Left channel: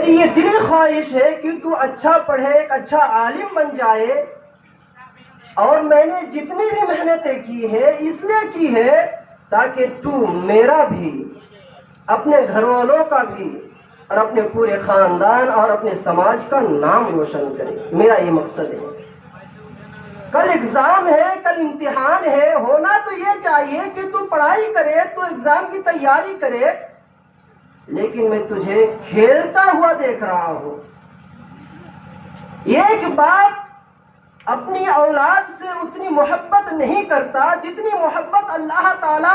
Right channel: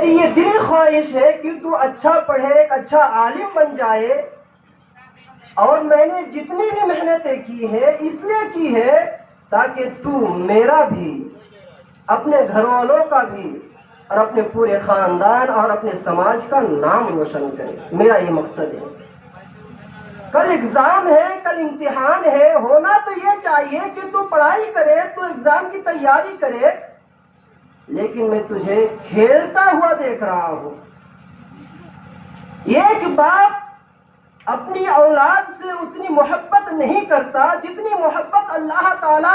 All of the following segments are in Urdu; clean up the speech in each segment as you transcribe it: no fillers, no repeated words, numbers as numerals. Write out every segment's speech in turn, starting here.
میری یہ دلی خواہش ہے کہ تو اچھا پڑھے، ایک اچھا عالم بن جائے، اور میں نے جتنی بھی محنتیں کی ہے اس لیے کی ہے تاکہ تو میرا بھی، اپنے گھر والوں کا بھی، اور اپنے پورے خاندان اور اپنے سماج کا نام روشن کرے۔ میرا یہ مقصد ہے۔ کل ایگزام ہے، کل امتحان ہے، ہونا تو یہ چاہیے کہ تو پڑھائی کرے، تو ایگزام کی تیاری کرے، لیکن میں تجھے کھیلتا ہوا دیکھ رہا ہوں۔ ایک باپ اپنی اولاد سے اتنی محبت نہیں کرتا جتنی محبت اللہ تعالیٰ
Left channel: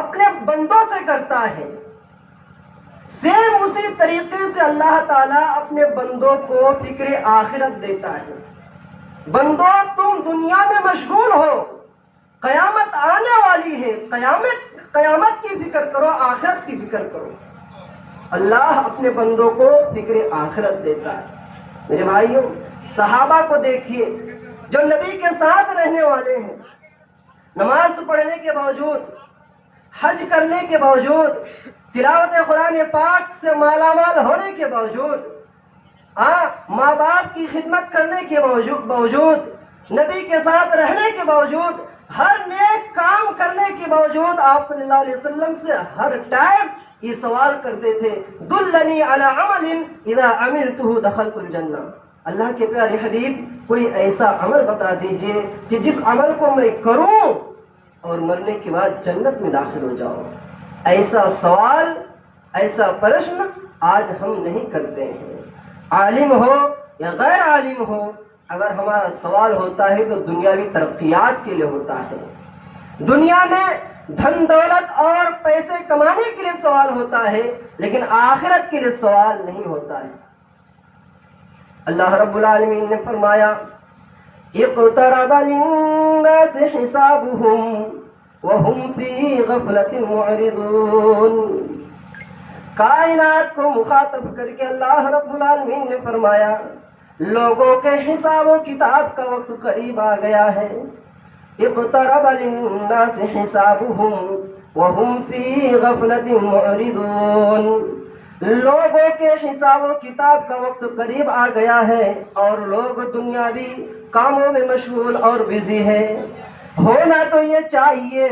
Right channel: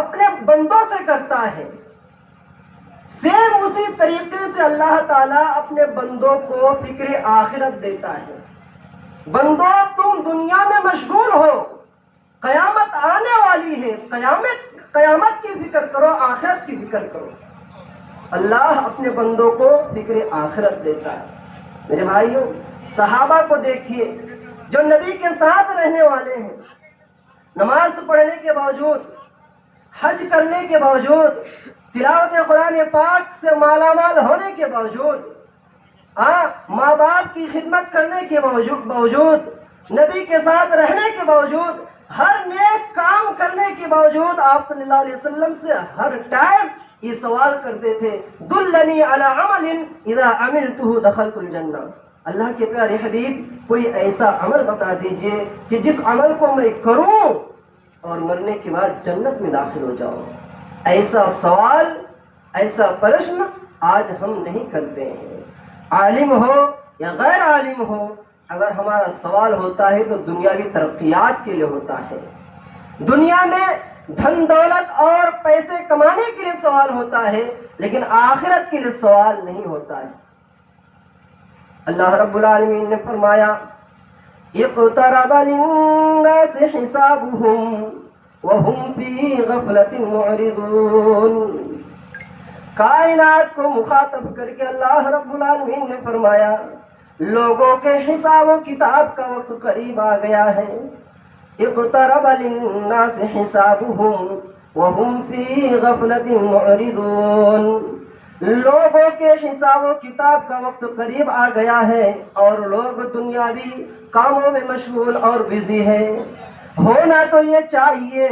اپنے بندوں سے کرتا ہے۔ سیم اسی طریقے سے اللہ تعالیٰ اپنے بندوں کو فکر آخرت دیتا ہے۔ بندوں تم دنیا میں مشغول ہو، قیامت آنے والی ہے، قیامت کی فکر کرو، آخرت کی فکر کرو۔ اللہ اپنے بندوں کو فکر آخرت دیتا ہے۔ میرے بھائیوں، صحابہ کو دیکھیے جو نبی کے ساتھ رہنے والے ہیں، نماز پڑھنے کے باوجود، حج کرنے کے باوجود، تلاوت قرآن پاک سے مالا مال ہونے کے باوجود، ماں باپ کی خدمت کرنے کے باوجود، نبی کے ساتھ رہنے کے باوجود، ہر نیک کام کرنے کے باوجود آپ صلی اللہ علیہ وسلم سے ہر ٹائم یہ سوال کرتے تھے، دلنی علی عمل اذا عملته دخلت الجنہ۔ اللہ کے پیارے حبیب، کوئی ایسا عمل بتا دیجئے کہ جس عمل کو میں کروں اور مرنے کے بعد جنت میں داخل ہو جاؤ۔ ایسا سوال، ایسا پرشن آج ہم نہیں کرتے ہیں۔ عالم ہو یا غیر عالم ہو، اگر ہمارا سوال ہوتا ہے تو دنیاوی ترقیات کے لیے ہوتا ہے، دنیا میں دھن دولت اور پیسے کمانے کے لیے سوال ہوتا ہے، لیکن آخرت کے لیے سوال نہیں ہوتا ہے۔ اللہ رب العالمین نے فرمایا، اقترب للناس حسابهم وهم في غفلة معرضون۔ کائنات کو مخاطب کر کے اللہ رب العالمین نے فرمایا، لوگوں کے حساب و کتاب کا وقت قریب آ گیا ہے۔ اقترب للناس حسابهم وهم في غفلة معرضون۔ لوگوں کے حساب و کتاب کا وقت قریب آ گیا ہے اور لوگ دنیاوی کاموں میں مشغول اور بزی ہے۔ ہونا تو یہ چاہیے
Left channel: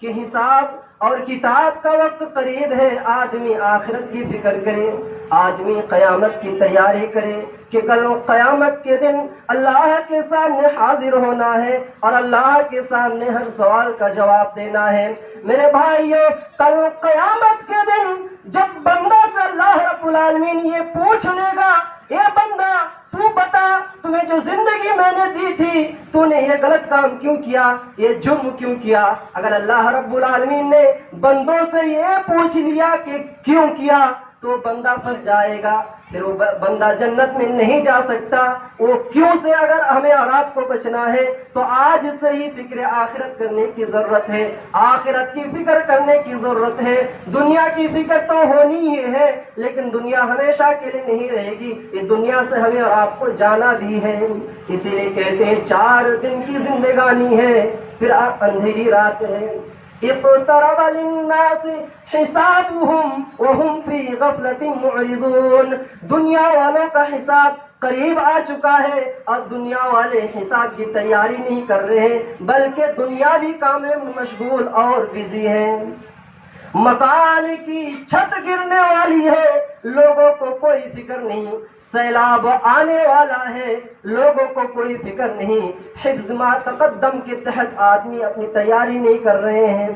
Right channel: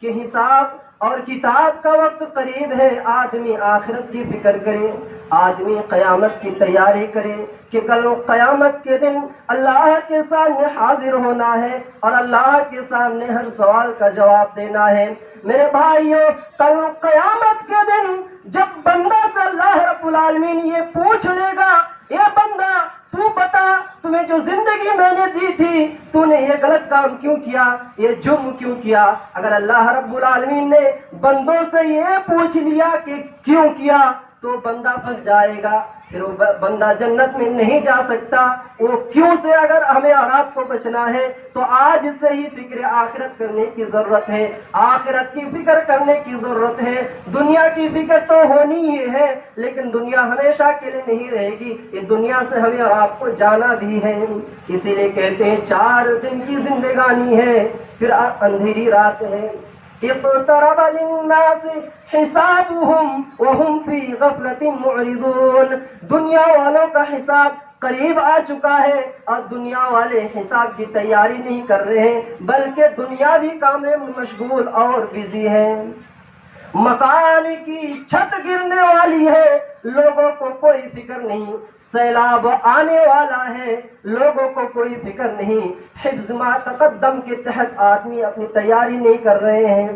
کہ حساب اور کتاب کا وقت قریب ہے، آدمی آخرت کی فکر کرے، آدمی قیامت کی تیاری کرے کہ کل قیامت کے دن اللہ کے سامنے حاضر ہونا ہے اور اللہ کے سامنے ہر سوال کا جواب دینا ہے۔ میرے بھائیوں، کل قیامت کے دن جب بندہ سے اللہ رب العالمین یہ پوچھ لے گا، اے بندہ تو بتا، تمہیں جو زندگی میں نے دی تھی تو نے یہ غلط کام کیوں کیا، یہ جرم کیوں کیا؟ اگر اللہ رب العالمین نے بندوں سے یہ پوچھ لیا کہ کیوں کیا تو بندہ پھنس جائے گا، پھر وہ بندہ جنت میں نہیں جا سکتا۔ وہ کیوں سے اگر ہمیں اور آپ کو بچنا ہے تو آج سے ہی فکر آخرت کرنے کی ضرورت ہے، آخرت کی فکر کرنے کی ضرورت ہے۔ دنیا کی فکر تو ہونی ہی ہے، لیکن دنیا ہمیشہ کے لیے نہیں رہے گی، یہ دنیا سے ہمیں اور آپ کو جانا بھی ہے۔ اسی لیے کہتے ہیں 4 دن کی زندگانی ہے، پھر آپ اندھیری رات ہے۔ اقترب للناس حسابهم وهم في غفلة معرضون۔ دنیا والوں کا حساب قریب آ چکا ہے اور دنیا والے حساب کی تیاری نہیں کر رہے ہیں، بلکہ دنیاوی کام میں مشغول اور بزی ہیں۔ مکان کی چھت گرنے والی ہے، لوگوں کو کوئی فکر نہیں۔ سیلاب آنے والا ہے، لوگوں کو کوئی فکر نہیں۔ حفظ ما تقدم کے تحت آدمی اپنی تیاری نہیں کر رہے ہیں۔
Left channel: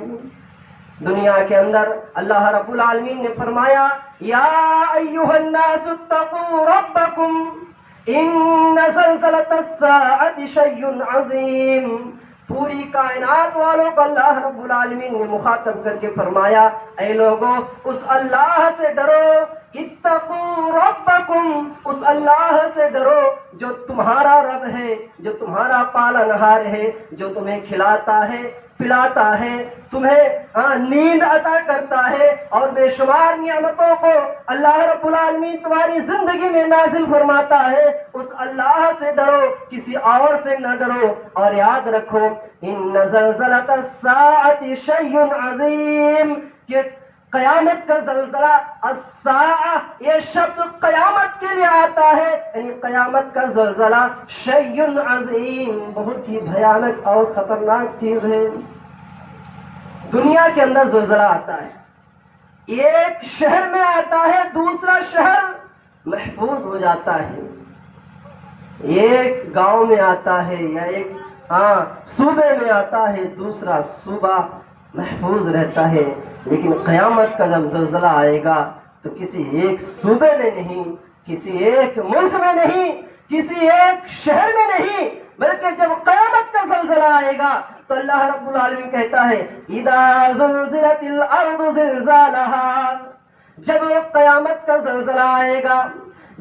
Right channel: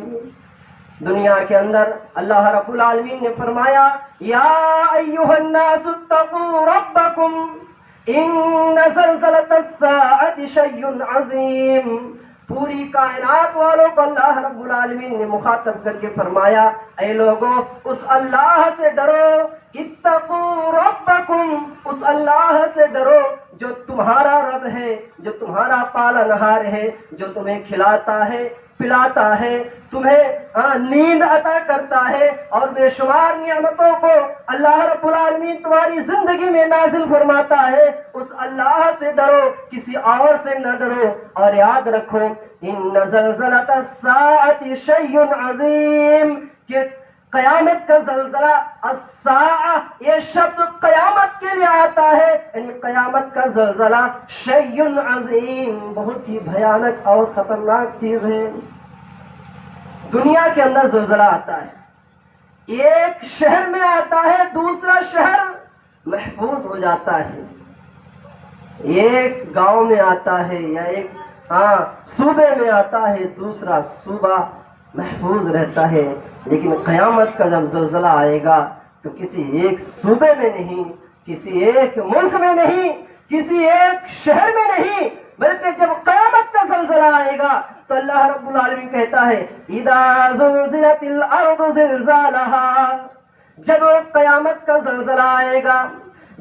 دنیا کے اندر اللہ رب العالمین نے فرمایا، یا ایھا الناس اتقوا ربکم ان زلزلۃ الساعۃ شیء عظیم۔ پوری کائنات والوں کو اللہ رب العالمین نے مخاطب کر کے فرمایا، اے لوگوں، اس اللہ سے ڈرو، اتقوا ربکم، اس اللہ سے ڈرو جو تمہارا رب ہے، جو تمہارا پالنہار ہے، جو تمہیں کھلاتا ہے، پلاتا ہے، تمہیں نیند عطا کرتا ہے، اور بے شمار نعمتوں کو اللہ رب العالمین تمہاری زندگی میں نازل فرماتا ہے۔ اس اللہ سے ڈرو، کسی اور سے نہ ڈرو، اور یاد رکھو ان زلزلۃ الساعۃ شیء عظیم، کہ قیامت کا زلزلہ، الساعہ یہ شبد قیامت لیے آتا ہے، یعنی قیامت کا زلزلہ شیء عظیم، بہت ہی بھیانک اور خطرناک چیز ہے۔ دنیا کے اندر زلزلہ آتا ہے، ایک شہر میں آتا ہے، دوسرا شہر محفوظ ہو جاتا ہے، ایک گاؤں میں آتا ہے یا ایک صوبے میں آتا ہے، دوسرا صوبہ محفوظ رہتا ہے۔ لیکن قیامت کا جب زلزلہ آئے گا تو کسی ایک صوبے میں نہیں، کسی ایک ملک میں نہیں، کسی ایک شہر میں نہیں، بلکہ جب قیامت کا زلزلہ آئے گا تو اللہ رب العالمین کہتا ہے اذا زلزلت الارض زلزالها، جب قیامت کا زلزلہ آئے گا،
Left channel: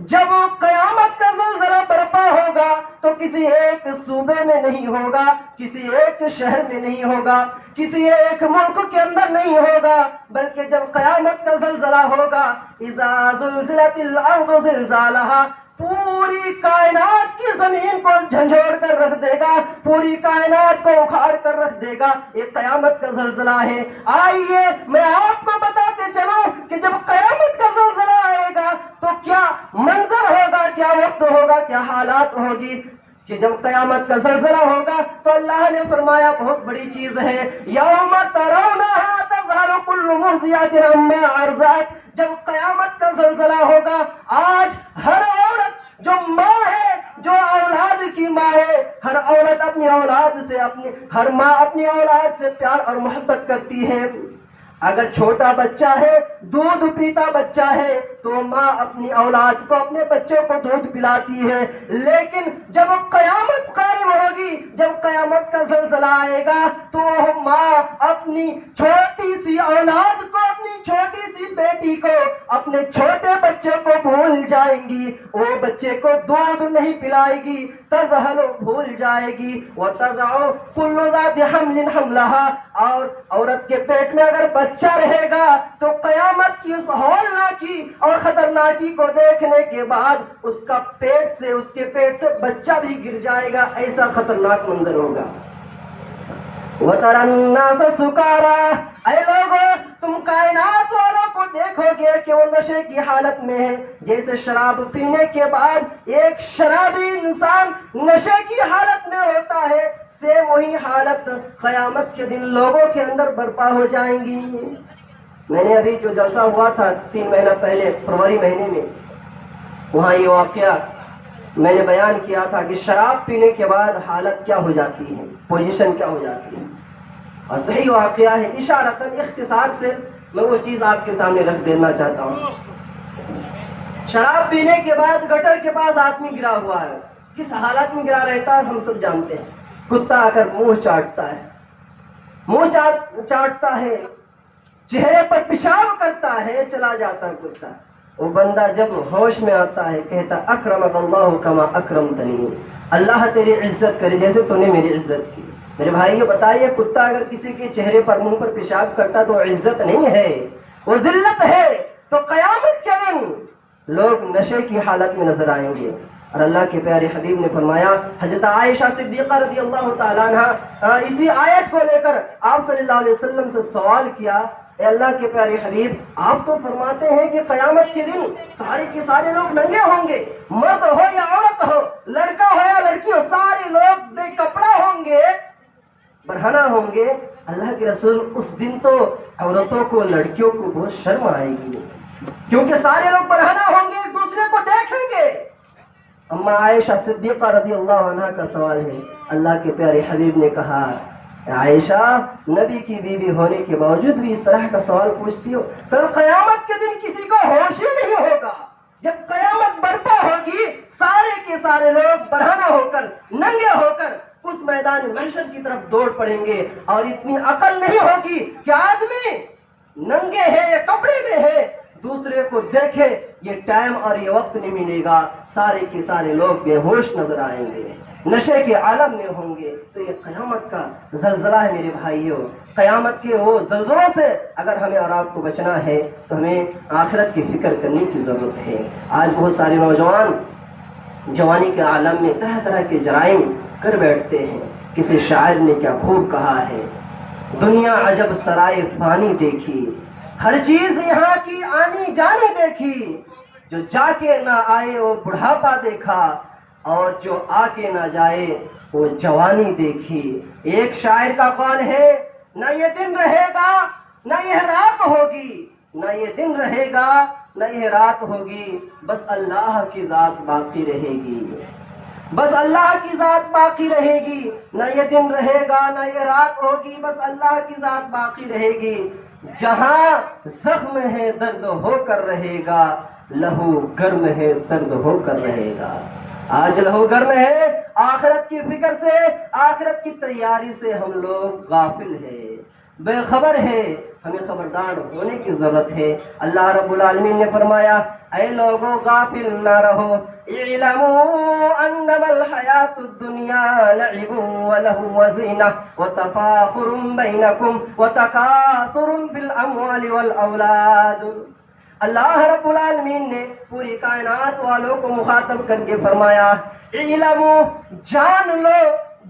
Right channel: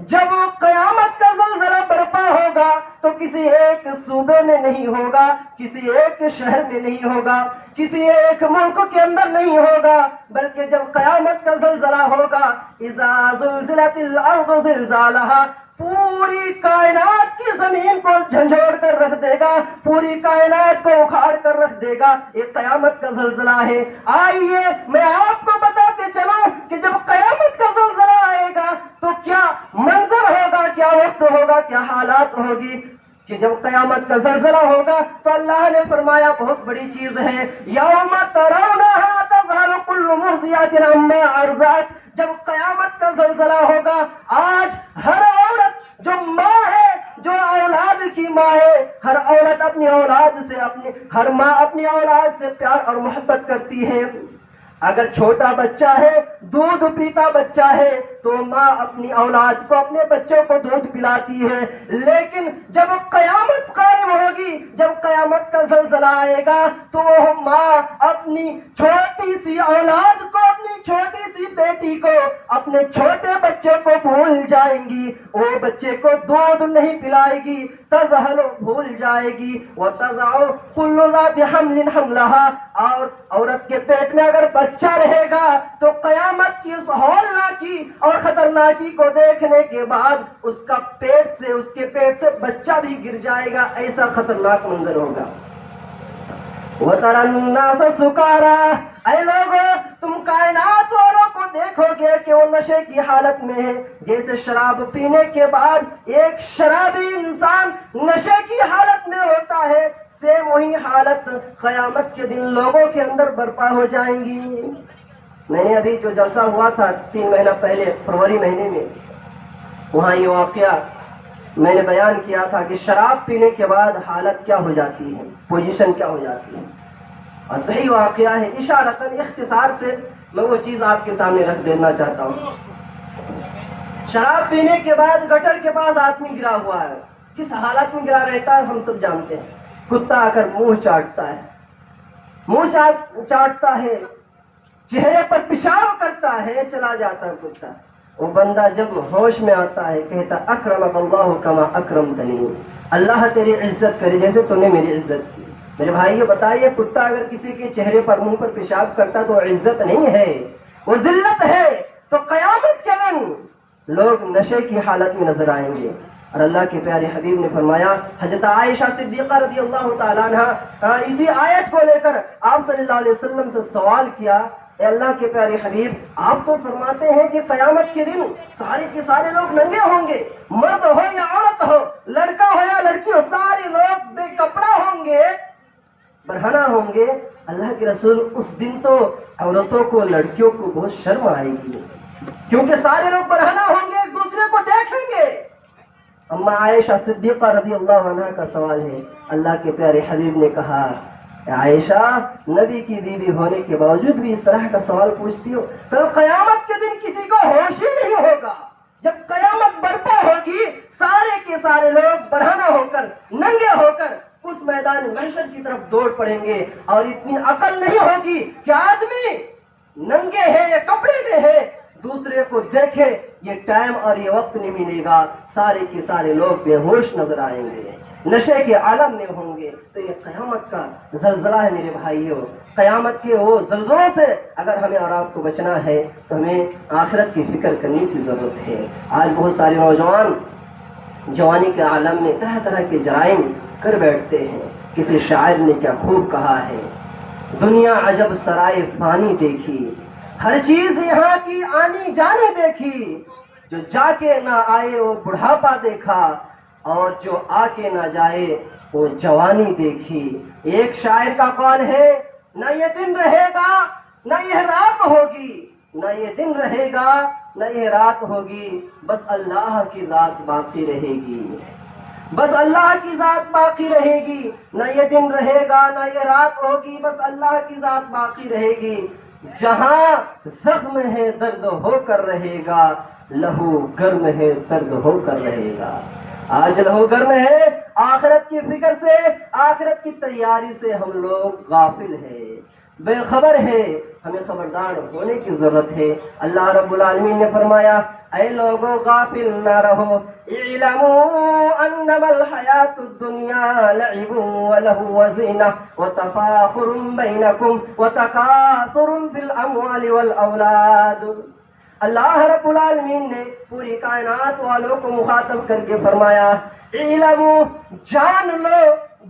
جب قیامت کا زلزلہ برپا ہوگا تو کسی ایک صوبے میں نہیں ہوگا، کسی ایک شہر میں نہیں ہوگا، کسی ایک ملک کے اندر نہیں ہوگا، بلکہ جب قیامت کا زلزلہ ہوگا اذا زلزلت الارض زلزالها، پوری کائنات کی زمین کو جھنجھوڑ کر رکھ دے گا، پوری کائنات کو اکھاڑ کر رکھ دے گا۔ یہ قیامت کا زلزلہ ہے۔ آئیے میں آپ کو بتاتے چلوں کہ جب قیامت کا زلزلہ آئے گا تو کیا منظر ہوگا، کیا وقت ہوگا، کیا حالات ہوگی۔ کہ جب قیامت کا زلزلہ ہوگا تو اللہ نے فرمایا بہت بڑی چیز ہے، یوم ترونها تذهل كل مرضعة عما ارضعت، جب قیامت کا زلزلہ ہوگا آج ہر عورت جو ماں ہے، جو اولاد کی ماں ہے، ہر عورت اپنی اولاد سے، ہر ماں اپنی اولاد سے پیار اور محبت کرتی ہے۔ اگر چھوٹا بچہ ہے، دودھ پیتا بچہ ہے، تو ماں اپنی اولاد کو، اپنے بچوں کو دودھ پلاتی ہے۔ لیکن جب قیامت قائم ہوگی، جب قیامت کا زلزلہ آئے گا تو وہ ماں اپنی چھوٹی سی اولاد کو، اپنی چھوٹی سی بیٹی کو، اپنے چھوٹے بچے کو بھول جائیں گی، وہ بچے کو دودھ نہیں پلائے گی، تذہل بھول جائے گی، وتضع كل ذات حمل حملها، اور عورت کے پیٹ میں اگر بچہ رہے گا تو قیامت کی اس ہولناکی اور خطرناکی کو دیکھنے کے بعد اس کا پیٹ سے، اس کے پیٹ سے بچہ بھی گر جائے گا، ایسا خطرناک منظر ہوگا۔ وَتَرَى النَّاسَ سُكَارَىٰ، اے لوگوں تم کائنات والوں کو دیکھو گے کہ وہ نشے کی حالت میں ہے، جیسے شراب پینے کے بعد ایک شرابی انسان نشے کی حالت میں ہوتا ہے، سے وہی حالت قیامت کے دن لوگوں کے اندر برپا ہو جائیں گی۔ میں نے ابھی جو جلسہ ہوا تھا 3 مہینہ پہلے فروری مہینے میں، وہاں یہ واقعہ میں نے بیان کیا تھا کہ شراب پینے کے بعد حالت کیا ہو جاتی ہے، پوزیشن کیا ہو جاتی ہے، اور صحیح واقعہ ہے۔ اشارتاً اختصار سے میں وہ چیز آپ کے سامنے رکھ دینا چاہتا ہوں۔ شراب پینے کے بعد گٹر کے پاس آدمی گرا ہوا ہے، کس حالت میں گرا رہتا ہے ہم سب جانتے ہیں۔ کتا آ کر منہ چاٹتا ہے، منہ چاٹتا ہے، چہرے پر پیشاب کرتا ہے، چلا جاتا ہے کتا۔ وہ بندہ جب ہوش میں آتا ہے کہتا اکرمک اللہ کما اکرمتنی، اللہ تیری عزت کرے جیسے تو نے میری عزت کی۔ میرے بھائیو بتائیے، کتا اگر کسی کے چہرے پر، منہ پر پیشاب کرتا تو عزت نہیں ہے، وہ ذلت ہے۔ تو قیامت کے دن لوگ نشے کی حالت میں نظر آئیں گے، اور اللہ کے پیارے حبیب نے فرمایا، حضرت عائشہ صدیقہ رضی اللہ تعالیٰ عنہ اسی آیت کو لے کر آپ صلی اللہ علیہ وسلم سے سوال کیا، اے اللہ کے پیارے حبیب، آپ تو فرماتے ہیں کہ قیامت کے دن سارے کے سارے لوگ ننگے ہوں گے، مرد ہو یا عورت ہو، لڑکا ہو یا لڑکی ہو، سارے لوگ بے کپڑا ہوں گے، برہنہ ہوں گے۔ اللہ کے رسول، اس دن تو عورتوں کو، لڑکیوں کو بہت شرم آئے گی، کیونکہ سارے لوگ برہنہ ہوں گے، ایک دوسرے کو دیکھیں گے۔ اما عائشہ صدیقہ رضی اللہ عنہ کا سوال ہے، اللہ کے پیارے حبیب نے کہا، عائشہ نبی کی بیوی ہونے کے باوجود بھی اس طرح کا سوال پوچھتی ہو؟ کل قیامت کے دن کسی کو ہوش ہی نہیں ہوگا۔ جب قیامت برپا ہوگی، سارے کے سارے لوگ برہنہ ہو کر، ننگے ہو کر اس میدان محشر کی طرف دوڑ پڑیں گے، اور اتنی عقل نہیں ہوگی کہ آدمی ننگے ہیں یا کپڑے میں ہے دوسرے کو دیکھے، یہ ٹائم اور یہ وقت نہیں ملے گا، سارے کے سارے لوگ بے ہوش نظر آئیں گے، نشے کے عالم میں ہوں گے۔ تو یہ قیامت کا زلزلہ ہے میرے بھائیوں۔ قیامت کے وہ زلزلوں سے اگر ہمیں اور آپ کو بچنا ہے تو ہمیں آخرت کی فکر کرنے کی ضرورت ہے۔ آج بہت سارے نوجوان جوانی کے عالم میں طرح طرح کے جرائم کر بیٹھتے ہیں۔ کسی شاعر نے کیا خوب کہا ہے، دنیا عجب سرائے فانی دیکھی، ہر چیز یہاں کی آنی جانی دیکھی، جو جا کے نہ آئے وہ بڑھاپا دیکھا، اور جو آ کے نہ جائے وہ جوانی دیکھی۔ ایک شاعر کا قول ہے، نہ یہ دن رہے گا نہ یہ رات ہوگی، نہ یہ دن رہے گا نہ یہ رات ہوگی، بس اللہ کی ذات باقی رہے گی، بس اللہ کی ذات باقی رہے گی۔ نہ یہ دن رہے گا نہ یہ رات ہوگی، بس اللہ کی ذات باقی رہے گی۔ جہاں زخم ہے درد ہو کر رہے گا، لہو گرم ہے سرد ہو کر رہے گا۔ آج لہو گرم ہے، آخرت کی فکر سے، آخرت کی تیاری سے ہم لوگ غافل ہیں، بے خبر ہے۔ ہمیں خبردار ہونے کی ضرورت ہے۔ اللہ رب العالمین نے فرمایا، اے لوگوں غافل نہ رہو، اعلموا انما الحیات الدنیا لعب ولہو وزینہ وتفاخر بینکم وتکاثر فی الاموال والاولاد۔ اللہ رب العالمین نے پوری کائنات والوں کو مخاطب کر کے فرمایا، اعلموا، جان لو،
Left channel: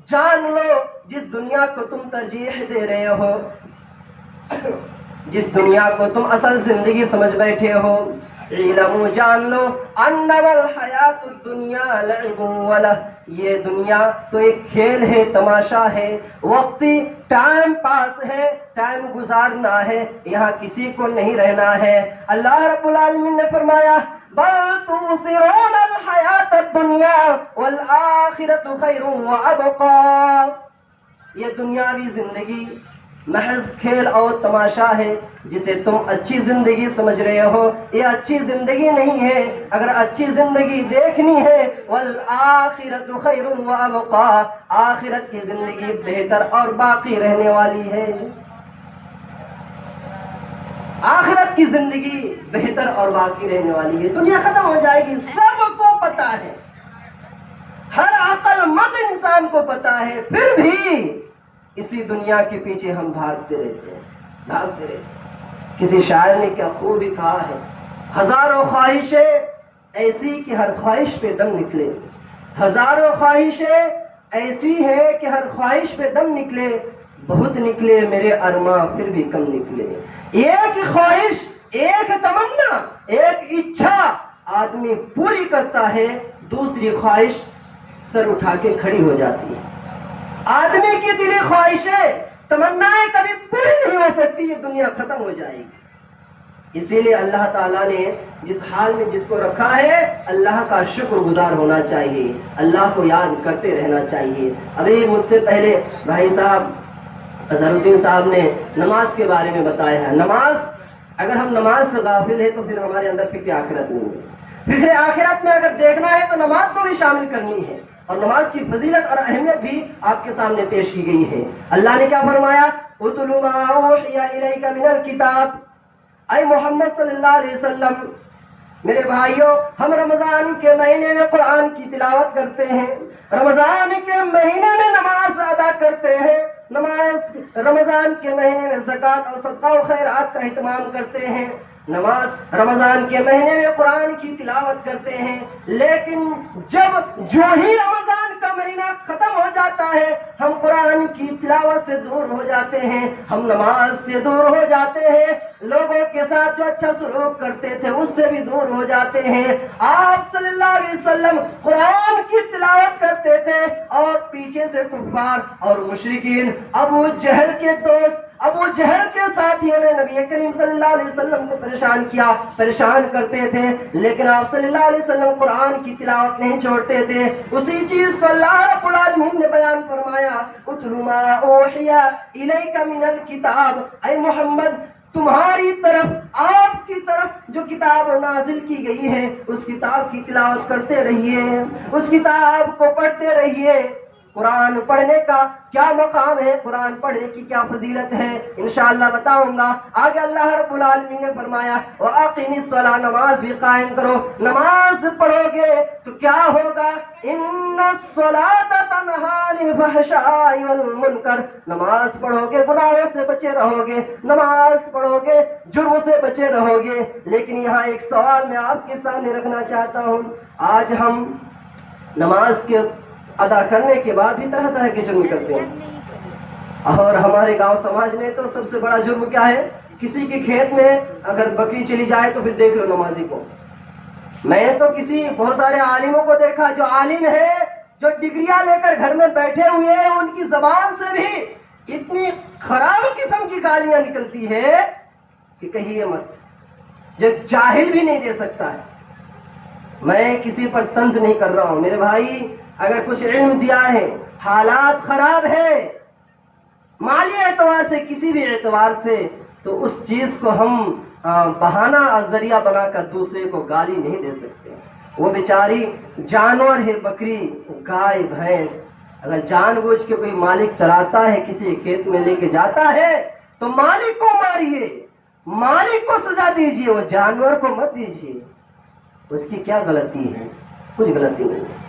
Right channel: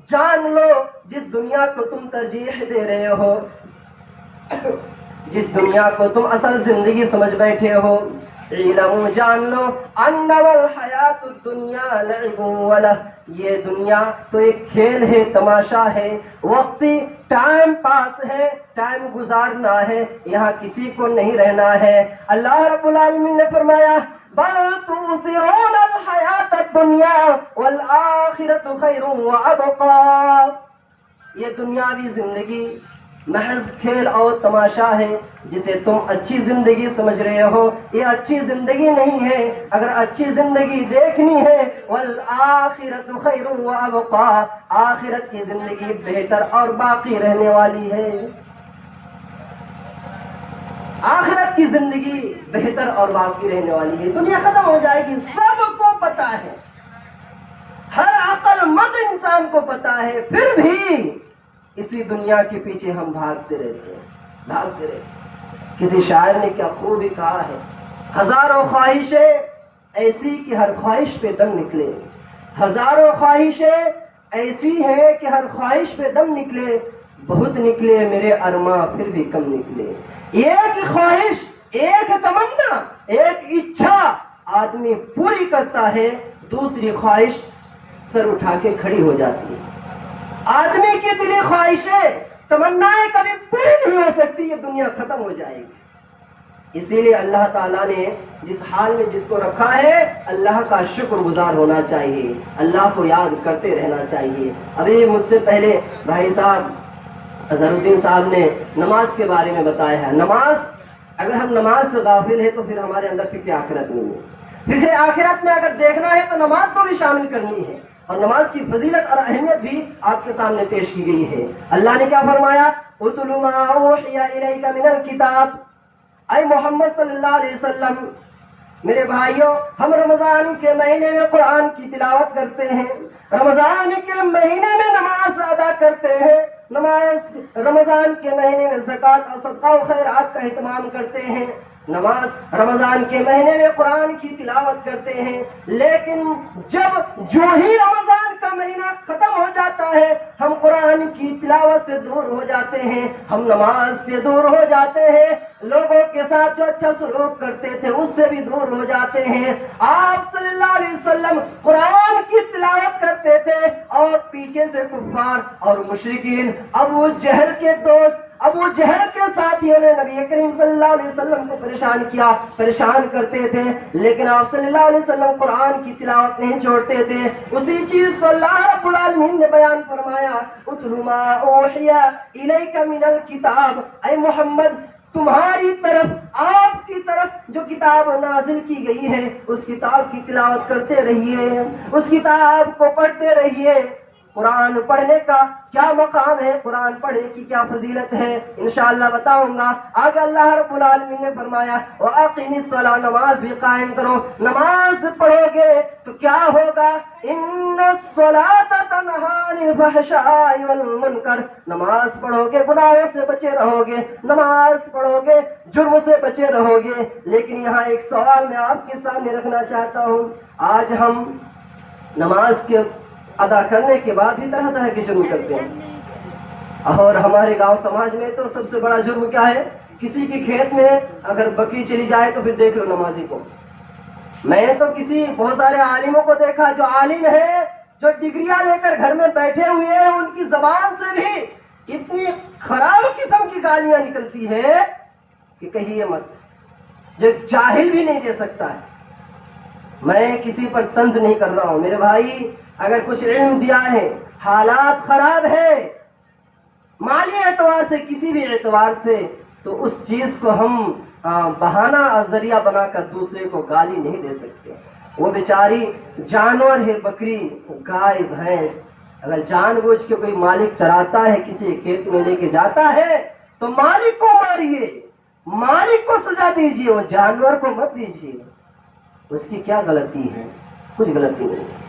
جان لو، جس دنیا کو تم ترجیح دے رہے ہو، جس دنیا کو تم اصل زندگی سمجھ بیٹھے ہو، اعلموا، جان لو، انما الحیات الدنیا لعب ولہ، یہ دنیا تو ایک کھیل ہے، تماشا ہے، وقتی ٹائم پاس ہے، ٹائم گزارنا ہے، یہاں کسی کو نہیں رہنا ہے۔ اللہ رب العالمین نے فرمایا، بل تؤثرون الحیات الدنیا والآخرۃ خیر وابقی، یہ دنیاوی زندگی محض کھیل اور تماشا ہے، جسے تم اچھی زندگی سمجھ رہے ہو، یہ اچھی زندگی نہیں ہے۔ اگر اچھی زندگی دیکھنی ہے، والآخرۃ خیر وابقی، آخرت کی زندگی بہتر اور باقی رہنے والی ہے، آخرت کی زندگی بہتر اور باقی رہنے والی ہے۔ دنیا ختم ہو جائے گی، سب کو پتا ہے، ہر عقل مند انسان کو پتا ہے، پھر بھی اسی دنیا کے پیچھے ہم بھاگتے رہتے ہیں، بھاگتے رہتے ہیں۔ کسی شاعر نے کیا خوب ہی کہا ہے، ہزاروں خواہشیں ایسی کہ ہر خواہش پہ دم نکلے، ہزاروں خواہشیں ایسی ہے کہ ہر خواہش پہ دم نکلے، بہت نکلے میرے ارماں پھر بھی کم نکلے۔ ایک خواہش، ایک تمنا، ایک اچھا آدمی پوری کرتا ہے، دوسری خواہش سر اٹھا کے کھڑی ہو جاتی ہے۔ آدمی کی دلی خواہشیں، تمنائیں کبھی پوری نہیں ہو سکتی، یہ دنیا ختم ہو جائے گی۔ اسی لیے اللہ تعالیٰ نے جس حال میں جس کو رکھا ہے، اللہ کا شکر گزار ہونا چاہیے، اللہ کو یاد کرتے رہنا چاہیے۔ ابھی مجھ سے پہلے بھائی صاحب اظہر الدین صاحب نے نماز کے بارے میں بتایا ہے۔ نماز، اگر ہم نماز سے غافل ہیں تو پھر ہمارے اندر فکر آخرت نہیں ہے۔ فکر آخرت میں اگر دیکھنا ہے تو نماز کو بھی شامل کرنی ہے، اور نماز کی فضیلت اور اہمیت بھی آپ کے سامنے پیش کی گئی ہے۔ اللہ نے کیا فرمایا، اتل ما اوحی الیک من الکتاب، اے محمد صلی اللہ علیہ وسلم، میرے بھائیوں، ہم رمضان کے مہینے میں قرآن کی تلاوت کرتے ہیں، رمضان کے مہینے میں نماز ادا کرتے ہیں، نماز رمضان کے مہینے میں زکوٰۃ اور صدقہ و خیرات کا اہتمام کرتے ہیں، نماز رمضان کے مہینے میں قرآن کی تلاوت کرتے ہیں، لیکن جو ہی رمضان کا مہینہ ختم ہو جاتا ہے، ہم قرآن کی تلاوت سے دور ہو جاتے ہیں، ہم نماز سے دور ہو جاتے ہیں، لوگوں کے ساتھ جو اچھا سلوک کرتے تھے اس سے بھی دور ہو جاتے ہیں۔ آپ صلی اللہ علیہ وسلم قرآن کی تلاوت کرتے تھے، اور پیچھے سے کفار اور مشرکین، ابو جہل کے دوست، ابو جہل کے ساتھیوں نے نبی کریم صلی اللہ علیہ وسلم کو پریشان کیا، پریشان کرتے تھے، لیکن آپ صلی اللہ علیہ وسلم قرآن کی تلاوت نہیں چھوڑتے تھے۔ اسی چیز کو اللہ رب العالمین نے بیان فرمایا، اتل ما اوحی الیک من الکتاب، اے محمد، تمہاری طرف، آپ کی طرف جو کتاب نازل کی گئی ہے، اس کتاب کی تلاوت کرتے رہیے، اس کتاب کو پڑھتے رہیے۔ قرآن پڑھنے کا کیا مقام ہے، قرآن پڑھنے کی کیا فضیلت ہے، انشاءاللہ بتاؤں گا۔ آگے اللہ رب العالمین نے فرمایا، وَأَقِمِ الصَّلَاةَ، نماز بھی قائم کرو۔ نماز پڑھو گے تو کیا ہوگا، إِنَّ الصَّلَاةَ تَنْهَىٰ عَنِ الْفَحْشَاءِ وَالْمُنكَرِ، نماز پڑھو گے گناہوں سے بچے رہو گے، نماز پڑھو گے جرم سے بچے رہو گے۔ لیکن یہاں ایک سوال میں آپ کے سامنے رکھنا چاہتا ہوں، آج ہم نماز کے ادا کرنے کے بعد بھی طرح طرح کے جرم کرتے ہیں، اور ہمارے گاؤں سماج میں تو سب سے بڑا جرم کیا ہے، کسی کے کھیت میں اگر بکری چلی جائے تو پھر دیکھ لو نمازی کو، میں تو بہت سارے عالموں کو دیکھا جو عالم ہے، جو ڈگریاں لے کر گھر میں بیٹھے ہوئے ہیں، ان کی زبان سے بھی اتنی خراب قسم کی گالیاں نکلتی ہے کہ کہیے مت، جو جاہل بھی نہیں دے سکتا ہے۔ میں کسی پر طنز نہیں کر رہا ہوں میرے بھائی، اگر کچھ علم دیا ہے، حالات خراب ہے مالی اعتبار سے، کسی بھی اعتبار سے، تو اس چیز کو ہم بہانہ اور ذریعہ بنا کر دوسرے کو گالی نہیں دے سکتے۔ وہ بیچاری جانور ہے، بکری، گائے، بھینس، اگر جان بوجھ کے کوئی مالک چراتا ہے، کسی کھیت میں لے کے جاتا ہے تو مالک کو ماریے، مالک کو سزا دیجیے، وہ جانور کو مت دیجیے۔ اس کی کیا غلطی ہے؟ کچھ غلطی نہیں ہے۔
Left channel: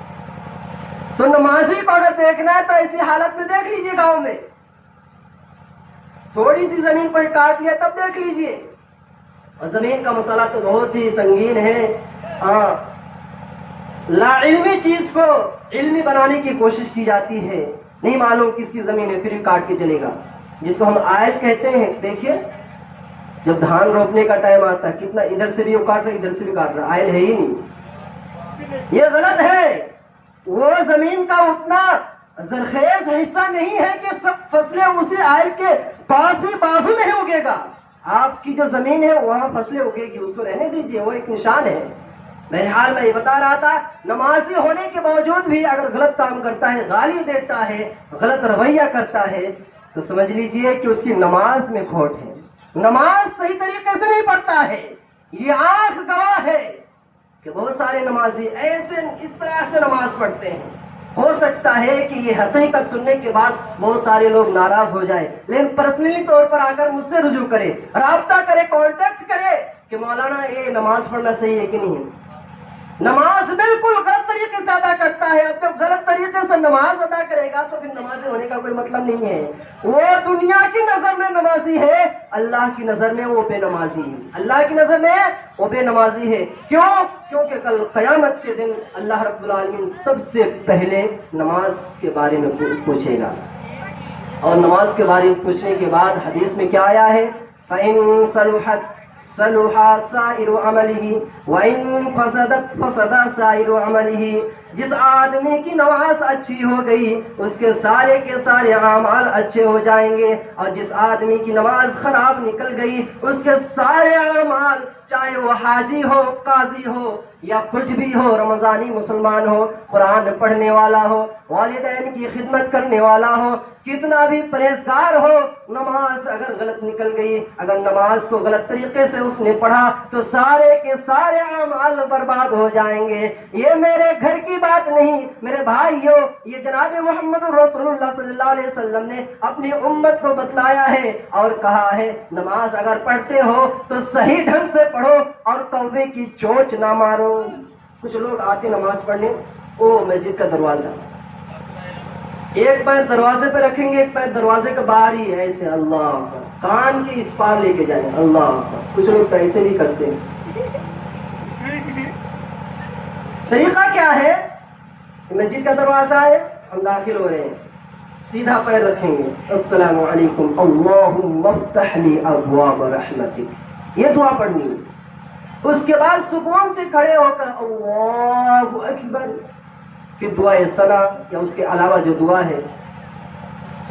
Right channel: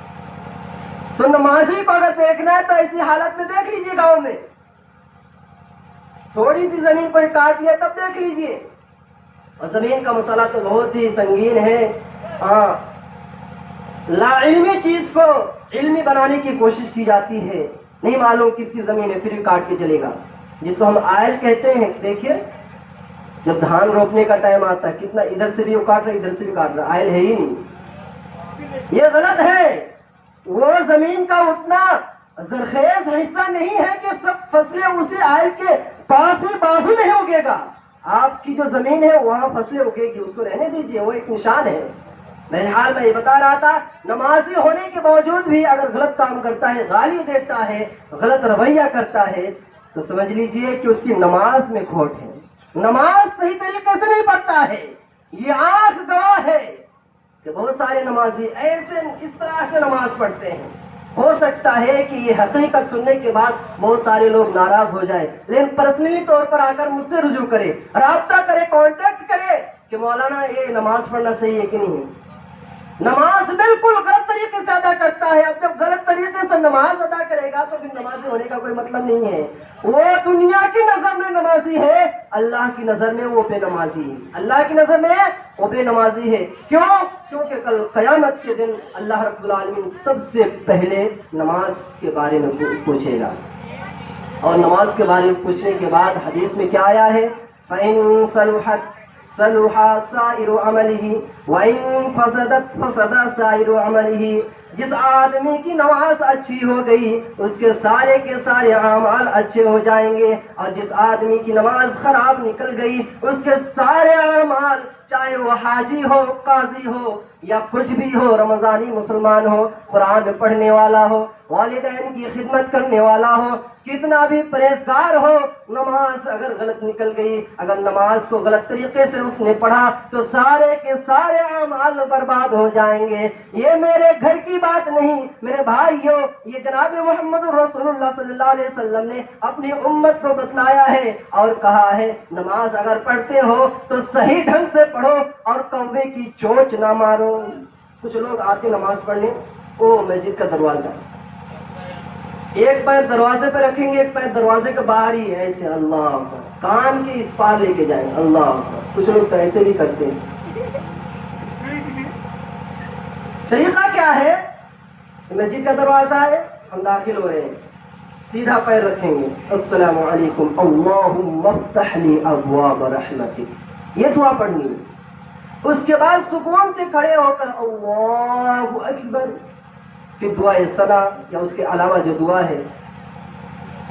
تو نمازی کو اگر دیکھنا ہے تو ایسی حالت میں دیکھ لیجیے، گاؤں میں تھوڑی سی زمین کوئی کاٹ لیا تب دیکھ لیجیے۔ اور زمین کا مسئلہ تو بہت ہی سنگین ہے۔ لا علمی چیز کو علمی بنانے کی کوشش کی جاتی ہے، نہیں معلوم کس کی زمین ہے، پھر بھی کاٹ کے چلے گا، جس کو ہم آئل کہتے ہیں۔ دیکھیے جب دھان روپنے کا ٹائم آتا ہے، کتنا ادھر سے بھی وہ کاٹ رہا ہے، ادھر سے بھی کاٹ رہا ہے، آئل ہے ہی نہیں۔ یہ غلط ہے۔ وہ زمین کا اتنا زرخیز حصہ نہیں ہے کہ سب فصلیں اسی آئل کے پاس ہی بازو میں اگے گا۔ آپ کی جو زمین ہے وہاں فصلیں اگے گی، اس کو رہنے دیجیے، وہ ایک نشان ہے۔ بہرحال میں یہ بتا رہا تھا، نمازی ہونے کے باوجود بھی اگر غلط کام کرتا ہے، گالی دیتا ہے، غلط رویہ کرتا ہے، تو سمجھ لیجئے کہ اس کی نماز میں کھوٹ ہے، نماز صحیح طریقے سے نہیں پڑھتا ہے۔ یہ آنکھ گواہ ہے کہ بہت سارے نمازی ایسے اس طرح سے نماز پڑھتے ہیں، ہو سکتا ہے کہ یہ حقیقت سننے کے بعد بہت سارے لوگ ناراض ہو جائیں، لیکن پرسنلی طور پر آ کر مجھ سے رجوع کرے، رابطہ کرے، کانٹیکٹ کرے کہ مولانا یہ نماز پڑھنا صحیح ہے کہ نہیں۔ نماز بالکل غلط طریقے سے ادا کرتا ہے۔ اب جب غلط طریقے سے نماز ادا کرے گا تو پھر نمازی ہونے کا کوئی مطلب نہیں ہے۔ وہ دنیا کی نظر میں نمازی ہے، اللہ کی نظر میں وہ بے نمازی ہے۔ اللہ کی نظر میں وہ بے نمازی ہے۔ کیوں؟ کیونکہ کل قیامت کے دن اللہ رب العالمین سب سے پہلے نماز کے بارے میں پوچھے گا، اور نماز کے بارے میں پوچھنے کے بعد حدیث میں کیا آیا ہے؟ فَإِن صَلُحَتْ صلح سائر عمله وَإِن فسدت فسد سائر عمله۔ جس آدمی کی نماز اچھی ہو گئی اس کے سارے اعمال اچھے ہو جائیں گے، اور جس آدمی کی نماز خراب نکل گئی اس کے سارے اعمال، چاہے وہ حاجی ہو، قاضی ہو، یا کچھ بھی ہو، رمضانی مسلمان ہو، قرآن پڑھنے والا ہو، والدین کی خدمت کرنے والا ہو، کتنا بھی پرہیزگار ہو، نماز اگر غلط نکل گئی، اگر نماز کو غلط طریقے سے اس نے پڑھا تو سارے کے سارے اعمال برباد ہو جائیں گے۔ یہ میرے گھر کی بات نہیں میرے بھائیوں، یہ جناب محمد رسول اللہ صلی اللہ علیہ وسلم نے اپنی امت کو بتلایا ہے اور کہا ہے نماز اگر پڑھتے ہو تو صحیح ڈھنگ سے پڑھو اور کوے کی چونچ نہ مارو۔ کچھ لوگ آتے نماز پڑھنے، مسجد کا دروازہ، ایک پیر دروازے پہ رکھیں گے، ایک پیر دروازے کے باہر ہی ایسے، اللہ کان کے اس پار لے کے جائیں گے، اللہ۔ کچھ لوگ تو ایسے بھی کرتے ہیں۔ طریقہ کیا ہے؟ مسجد کا دروازہ ہے، ہم داخل ہو رہے ہیں، سیدھا پیر رکھیں گے، السلام علیکم اللہم افتح لی ابواب رحمتک، یہ دعا پڑھنی ہے۔ اس کے بعد سکون سے کھڑے ہو کر اللہ اکبر، پھر دعائے ثنا یا اس کے علاوہ جو دعا ہے،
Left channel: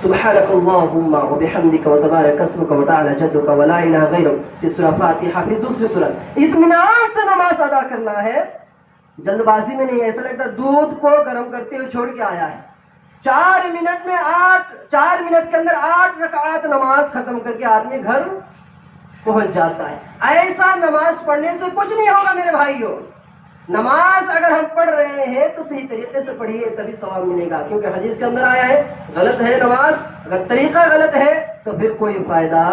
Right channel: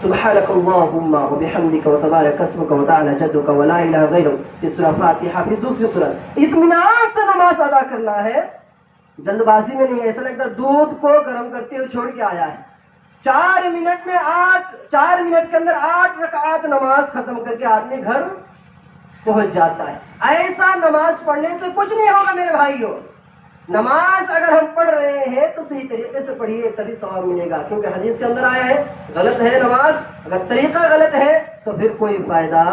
سبحانک اللہم وبحمدک وتبارک اسمک وتعالی جدک ولا الہ غیرک، پھر سورہ فاتحہ، پھر دوسری سورہ۔ اطمینان سے نماز ادا کرنا ہے، جلد بازی میں نہیں۔ ایسا لگتا دودھ کو گرم کرتے ہوئے چھوڑ کے آیا ہے، 4 منٹ کے اندر 8 رکعات نماز ختم کر کے آدمی گھر پہنچ جاتا ہے۔ ایسا نماز پڑھنے سے کچھ نہیں ہوگا میرے بھائیوں۔ نماز اگر ہم پڑھ رہے ہیں تو صحیح طریقے سے پڑھیے، تبھی ثواب ملے گا، کیونکہ حدیث کے اندر آیا ہے غلط ہے نماز، اگر طریقہ غلط ہے تو پھر کوئی فائدہ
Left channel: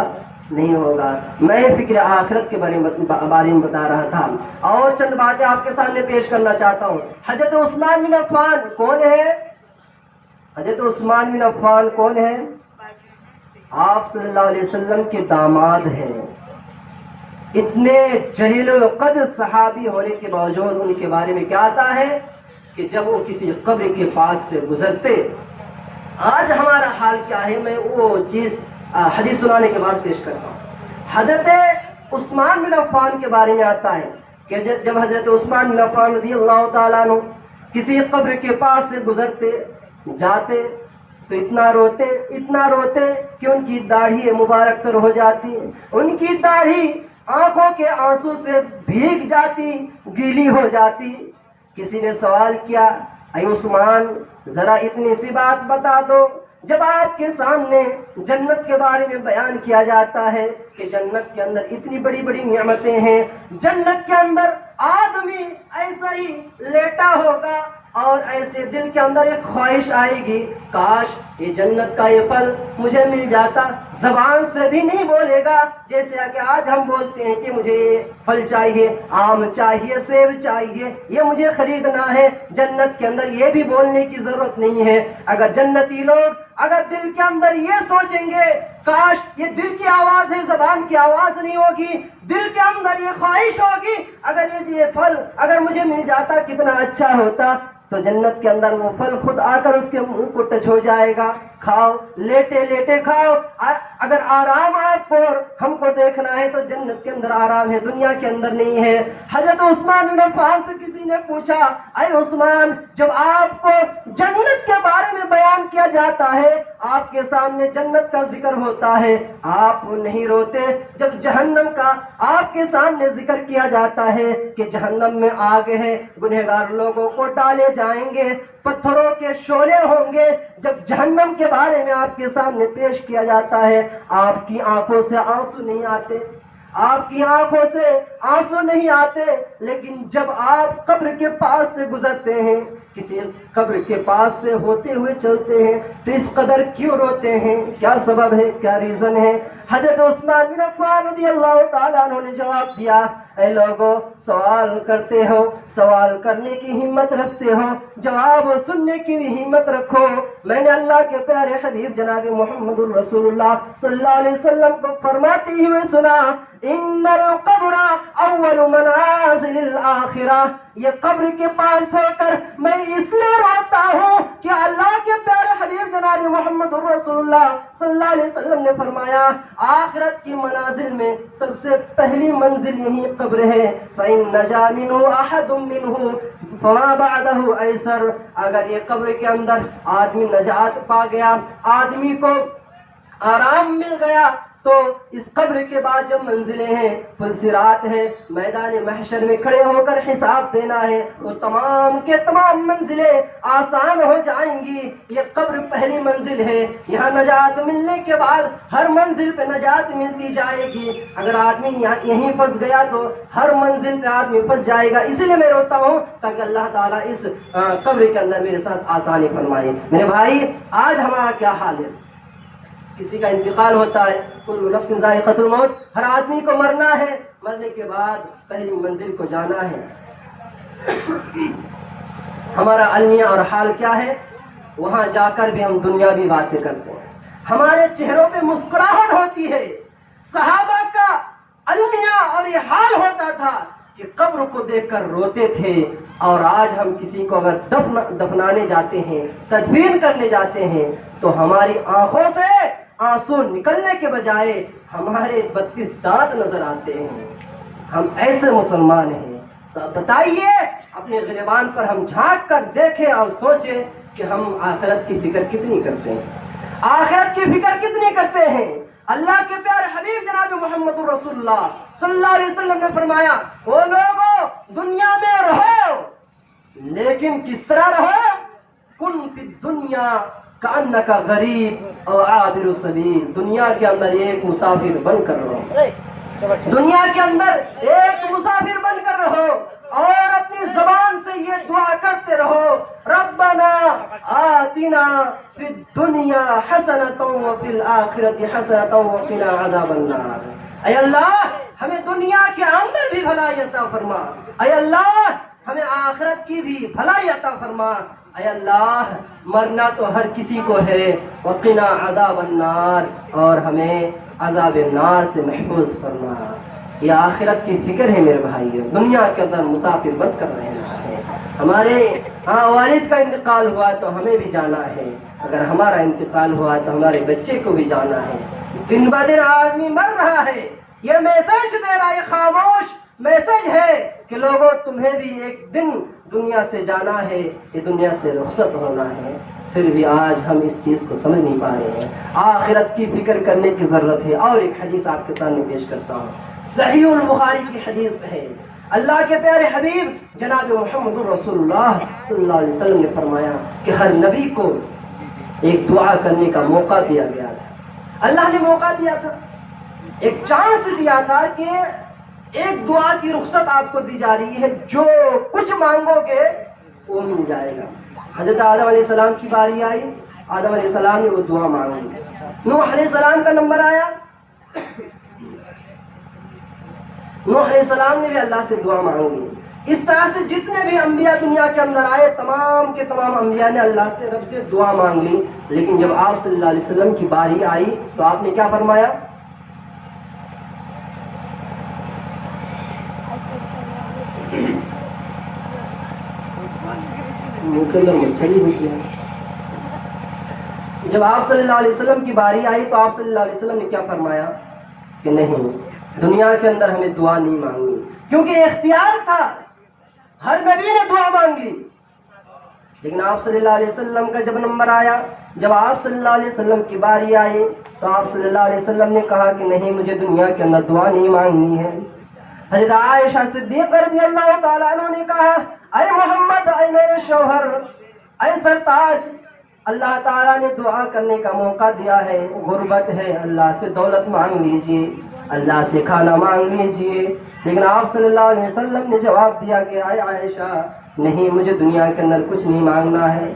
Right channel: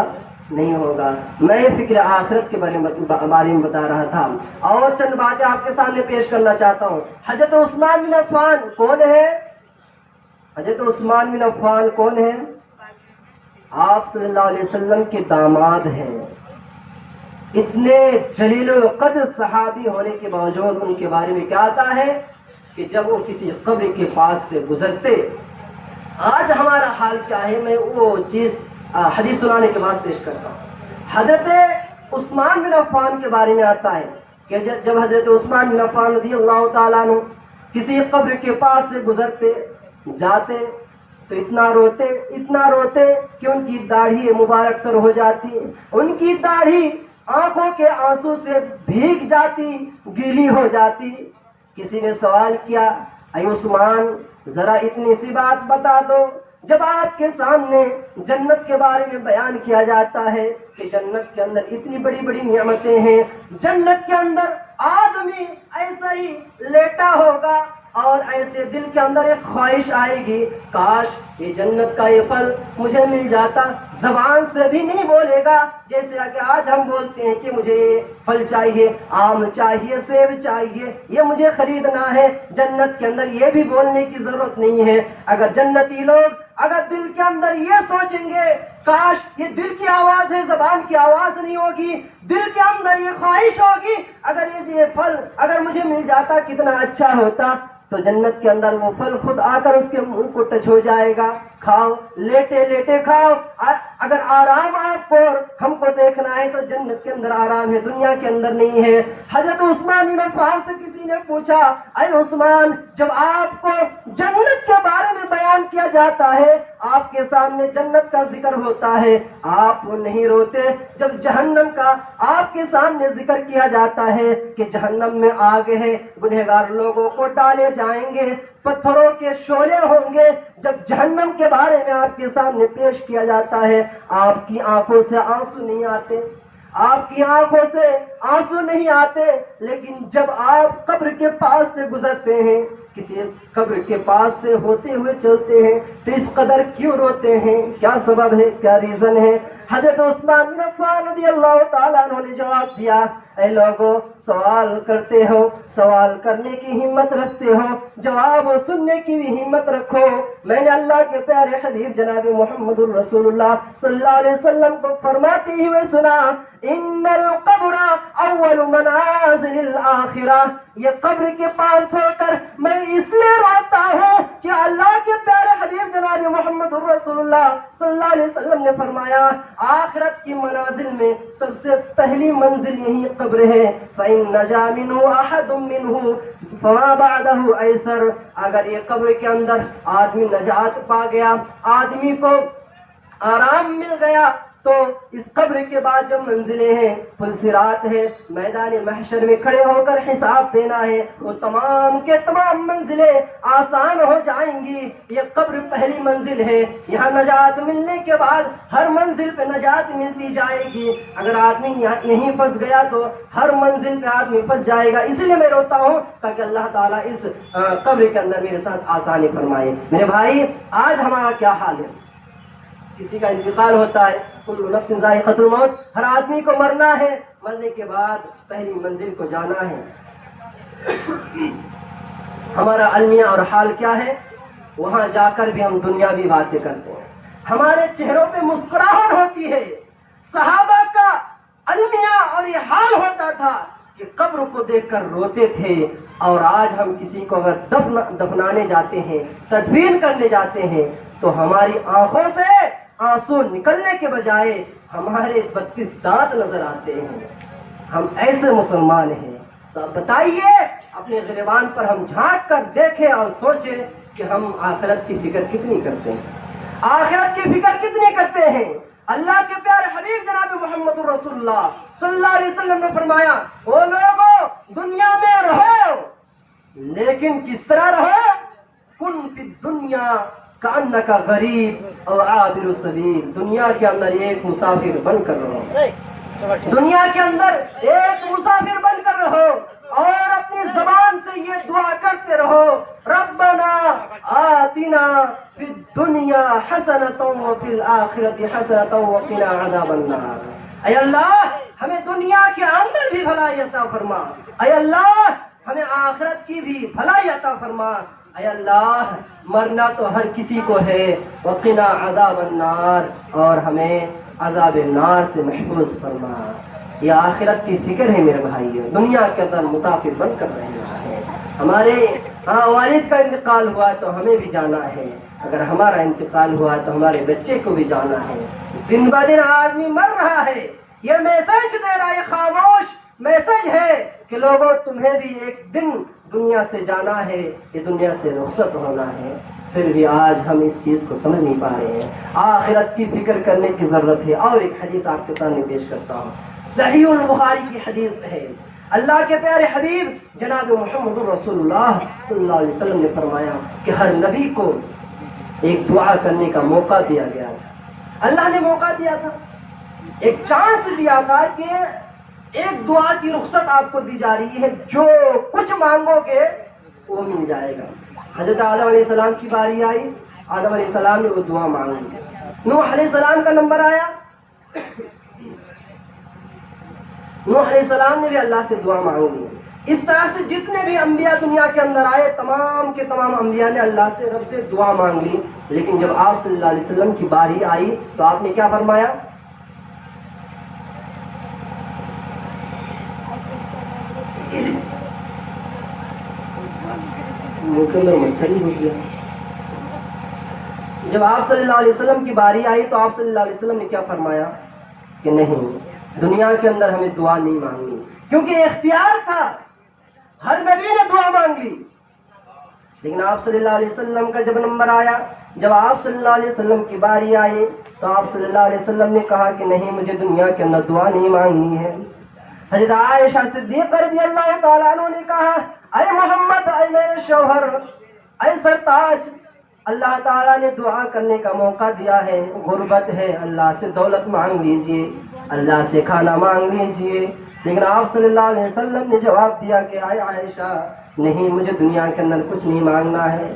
نہیں ہوگا۔ میں فکر آخرت کے بارے میں بتا رہا تھا، اور چند باتیں آپ کے سامنے پیش کرنا چاہتا ہوں۔ حضرت عثمان بن عفان کون ہے؟ حضرت عثمان بن عفان کون ہے؟ آپ صلی اللہ علیہ وسلم کے داماد ہیں۔ اتنے جلیل القدر صحابی ہونے کے باوجود ان کے بارے میں کیا آتا ہے کہ جب وہ کسی قبر کے پاس سے گزرتے، آج ہمارا حال کیا ہے، میں وہ چیز حدیث سنانے کے بعد پیش کرتا ہوں۔ حضرت عثمان بن عفان کے بارے میں آتا ہے کہ جب حضرت عثمان بن عفان رضی اللہ تعالیٰ عنہ کسی قبر کے پاس سے گزرتے جاتے تو اتنا روتے کہ ان کی داڑھی مبارک تر ہو جاتی، ان کی داڑھی آنکھوں کے آنسو سے بھیگ جاتی، گیلی ہو جاتی۔ کسی نے سوال کیا، اے عثمان ذرا اتنی سی بات بتا دو، جب آپ کے سامنے جنت کے بارے میں بیان کیا جاتا ہے کہ جنت کے اندر اتنی بڑی بڑی نعمتیں ہیں، جنت کے اندر آدمی ایسا ہی لیٹا ہوگا اور ایسے دل کے اندر ایک خواہش آئے گی، کاش یہ جنت کا یہ پھل مجھے مل جاتا، زبان سے بھی نہیں بولے گا جیسے کہ آج ہم بولتے ہیں کہ مجھے یہ پھل چاہیے، آم چاہیے، سیب چاہیے، یہ مجھے خریدنا ہے۔ جنت کے اندر یہ بھی بولنے کی ضرورت نہیں ہے۔ اگر جنتی لوگ اگر دل کے اندر یہ سوچیں گے، کاش یہ دل کی آواز ہے، زبان کی آواز نہیں ہوگی، دل کے اندر یہ خواہش ہوگی، اگر یہ پھل اگر مجھے مل جاتا کتنا اچھا ہوتا، تو جنت کے اندر وہ پھل خود آ کر اس کے منہ کو ٹچ ہو جائے گا، کھاؤ، لیٹے لیٹے کھاؤ۔ اگر آرام آپ کو اور ہم کو دیکھنا ہے تو جنت کے اندر آرام ہے، دنیا کے اندر نہیں ہے۔ حضرت عثمان بن عفان سے کسی نے پوچھا، اے عثمان جب آپ کو جنت کے بارے میں بیان کیا جاتا ہے، آپ کے سامنے جنت کا ذکر ہوتا ہے، آپ نہیں روتے؟ جب جہنم کا آپ کے سامنے ذکر کیا جاتا ہے کہ جہنم میں آگ ہے، گنہگار لوگوں کو ڈالے جائیں گے، پتھروں کے شعلے ہوں گے، جب جہنم کے بارے میں آپ کے سامنے پیش کیا جاتا ہے، آپ کی آنکھوں سے آنسو نہیں آتے، آپ کی آنکھوں سے آنسو نہیں آتے۔ لیکن جب آپ قبر کے پاس سے گزرتے ہیں، کسی قبر کے پاس سے ہوتے ہوئے چلتے ہیں، تو اس قدر کیوں روتے ہیں؟ کیا سبب ہے، کیا ریزن ہے؟ حضرت عثمان بن عفان رضی اللہ تعالیٰ عنہ نے جواب دیا، اے لوگوں سوال کرتے ہو، سوال کرنے کی ہمت رکھتے ہو، جواب سننے کی بھی ہمت رکھو۔ میں نے اللہ کے پیارے حبیب جناب محمد الرسول اللہ صلی اللہ علیہ وسلم کو فرماتے ہوئے سنا، ان القبر اول منازل الاخرہ، یہ قبر کے پاس ہو کر میں اس لیے روتا ہوں کہ اللہ کے پیارے حبیب جناب محمد الرسول اللہ صلی اللہ علیہ وسلم نے فرمایا، آخرت کی منازل میں سب سے پہلی منزل یہی قبر ہے۔ فَإِن نَجَا مِنْهُ أَحَدٌ مِّنْهُ فَمَا بَعْدَهُ أَيْسَرُ، اگر یہ قبر کے اندر آدمی نجات پا گیا، آدمی کو آرام مل گیا، تو اس قبر کے بعد جو منزلیں ہیں، پلسرات ہے، میدان محشر میں کھڑے ہو کر حساب دینا ہے، وہ تمام کے تمام منزلیں آسان ہو جائیں گی۔ یہ قبر پہلی منزل ہے، یہاں نجات ملنے کے بعد ہر منزل پہ نجات ملتی جائے گی۔ اگر آدمی یہیں پھنس گیا تو ہر منزل پہ آدمی پھنس جائے گا۔ اسی لیے میں روتا ہوں تاکہ اللہ تعالیٰ اس قبر کے اندر میرے ساتھ آسانی فرمائے۔ میرے بھائی آج ہمارا کیا حال ہے؟ کسی کا انتقال ہوتا ہے، کل نفس ذائقۃ الموت، ہر آدمی کو مرنا ہے، مرنے کے بعد پہلی منزل کو جانا ہے۔ ہمارا المیہ اور حال کیا ہے؟ وہاں جا کر بھی ہم دنیاوی باتیں کرتے ہیں، ہمارے چہروں پہ مسکراہٹ ہوتی ہے۔ صحابہ کا المیہ اور یہ حال ہوتا تھا کہ قبر کو دیکھ کر روتے تھے، اور آج ہم کسی کو اگر دفنانے جاتے ہیں، تدفین کرنے جاتے ہیں، تو ہماری آنکھوں سے آنسو نکلنے کے بجائے ہمارے 32 دانت نظر آتے ہیں۔ ہم ایسے مسلمان ہیں؟ تو بتائیے، اپنے گریبان پر ہم جھانک کر دیکھیں اور سوچیں کہ ہم آخرت کی فکر کتنی کرتے ہیں، آخرت کی فکر کتنی کرتے ہیں۔ اللہ کے پیارے حبیب جناب محمد رسول اللہ صلی اللہ علیہ وسلم نے فرمایا، او لوگوں دنیا میں رہو، لیکن کس طرح رہو؟ کن فی الدنیا کأنک غریب او عابر السبیل، دنیا کے اندر ایک مسافر بن کر رہو، دنیا کے اندر ایک مسافر بن کر رہو، اور اپنی زبان سے یہ دعا کرتے رہو، ربنا آتنا فی الدنیا حسنۃ وفی الآخرۃ حسنۃ وقنا عذاب النار۔ اے اللہ ہمیں دنیا کے اندر بھی بھلائی عطا فرما، اے اللہ ہمیں آخرت کی بھی بھلائی عطا فرما، اے اللہ مرنا تو ہر کسی کو ہے، وقنا عذاب النار، اور ہمیں عذاب النار سے محفوظ فرما۔ یہ آخرت کی فکر ہے میرے بھائیو، دنیا کے اندر مسافر بن کر رہنا ہے۔ ہمارے والد کا انتقال ہوا تو ہمیں بھی جانا ہے، اگر ہمارا انتقال ہوا تو ہمارے بچے کو بھی جانا ہے۔ دن بہ دن آدمی مر رہا ہے، یہ میسج دے رہا ہے خاموش میسج ہے کہ لوگوں تمہیں بھی ایک دن دنیا سے جانا ہے، یہ دنیا سے رخصت ہونا ہے، پھر بھی آج ہم اس چیز کو سمجھ نہیں پا رہے ہیں۔ آخرت کی فکر کرنے کی ضرورت ہے۔ اور ایک حدیث آپ کے سامنے پیش کرتا ہوں، صحیح البخاری کی حدیث ہے۔ اللہ کے پیارے حبیب جناب محمد رسول اللہ صلی اللہ علیہ وسلم نے فرمایا کہ ہر نبی کو ایک دعا کرنے کا موقع دیا گیا تھا۔ اللہ نے موقع دیا تھا، ایک چانس دیا تھا کہ ایک دعا کی رخصت آپ کو دی جا رہی ہے، جو کچھ مانگو گے وہ مل جائے گا۔ حضرت آدم علیہ السلام کی باری آئی، آدم علیہ السلام نے وہ دعا مانگی۔ نوح علیہ السلام کا نمبر آیا، نوح علیہ السلام نے بھی اللہ سے دعا مانگی۔ اس طرح سے جتنے بھی انبیاء دنیا کے اندر آئے، تمام کے تمام انبیاء نے اللہ سے، رب سے دعا مانگ لی۔ لیکن جب آپ صلی اللہ علیہ وسلم کی باری آئی تو آپ نے کیا فرمایا؟ جب آپ صلی اللہ علیہ وسلم کی باری آئی تو آپ صلی اللہ علیہ وسلم نے کیا فرمایا کہ نہیں، دنیا کے اندر ہمیں دعا نہیں مانگنی، کیونکہ اختیار تھا، ہر نبی نے دعا مانگ لی۔ لیکن آپ صلی اللہ علیہ وسلم کا جب نمبر آیا، جب آپ صلی اللہ علیہ وسلم کی باری آئی تو آپ صلی اللہ علیہ وسلم نے کہا کہ نہیں، مجھے دنیا کے اندر دعا نہیں مانگنی ہے۔ حضرت عائشہ صدیقہ رضی اللہ تعالیٰ عنہ نے کہا، اے محمد، اے میرے شوہر، اے سرتاج، اللہ تعالیٰ نے دعا کرنے کا موقع دیا ہے، غربت ہے، اللہ سے دولت مانگ لیجئے، اللہ سے کھانا مانگ لیجئے۔ لیکن آپ صلی اللہ علیہ وسلم نے جواب دیا کہ اے عائشہ، نہیں، مجھے دنیا کے اندر کچھ نہیں مانگنا ہے،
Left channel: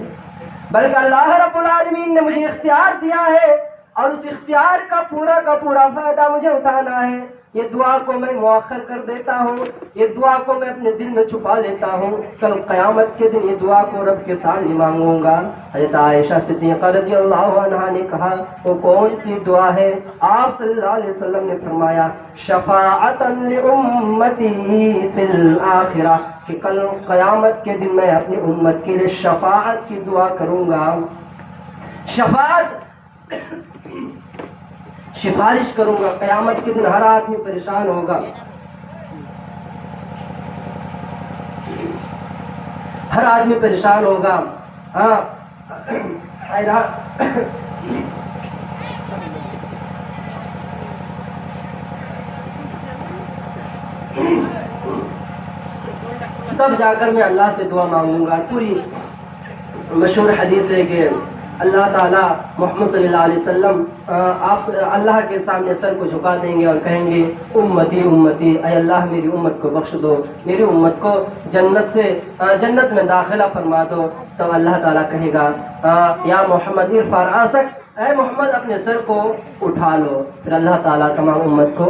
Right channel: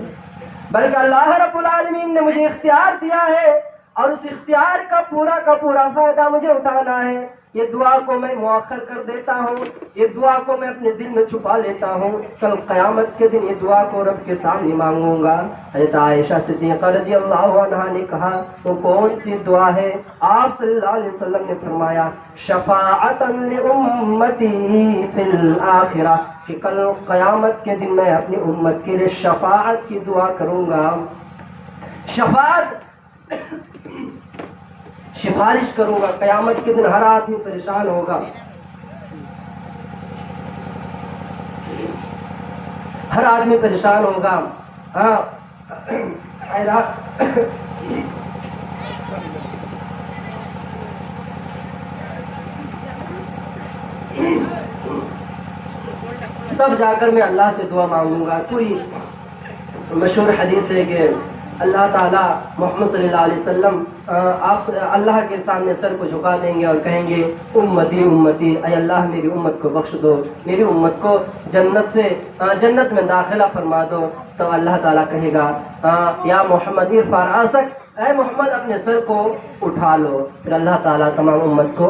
بلکہ اللہ رب العالمین نے مجھے اختیار دیا ہے اور اس اختیار کا پورا فائدہ مجھے اٹھانا ہے۔ یہ دعا کو میں مؤخر کر دیتا ہوں، یہ دعا کو میں اپنے دل میں چھپا لیتا ہوں، کل قیامت کے دن یہ دعا کو رب کے سامنے مانگوں گا۔ حضرت عائشہ صدیقہ رضی اللہ عنہا نے کہا، وہ کون سی دعا ہے؟ آپ صلی اللہ علیہ وسلم نے فرمایا، شفاعتا لامتی فی الآخرہ، کہ کل قیامت کے دن میں اپنی امت کے لیے شفاعت کی دعا کروں گا۔ شفاعت، سفارش کروں گا۔ قیامت کے دن ہر آدمی پریشان ہوگا، ہر آدمی پریشان ہوگا۔ ہاں، تب جا کر میں اللہ سے دعا مانگوں گا۔ پوری مشہور حدیث ہے کہ اللہ تعالیٰ محمد صلی اللہ علیہ وسلم آپ اللہ کے سامنے سر کو جھکا دیں گے اور کہیں گے، امتی امتی، اے اللہ میری امت کو بخش دو، میری امت کو جنت میں داخلہ فرما دو۔ تو اللہ تعالیٰ کہے گا، یا محمد ارفع رأسک، اے محمد اپنے سر کو اٹھا لو۔ پھر اللہ تعالیٰ تمام امت کو،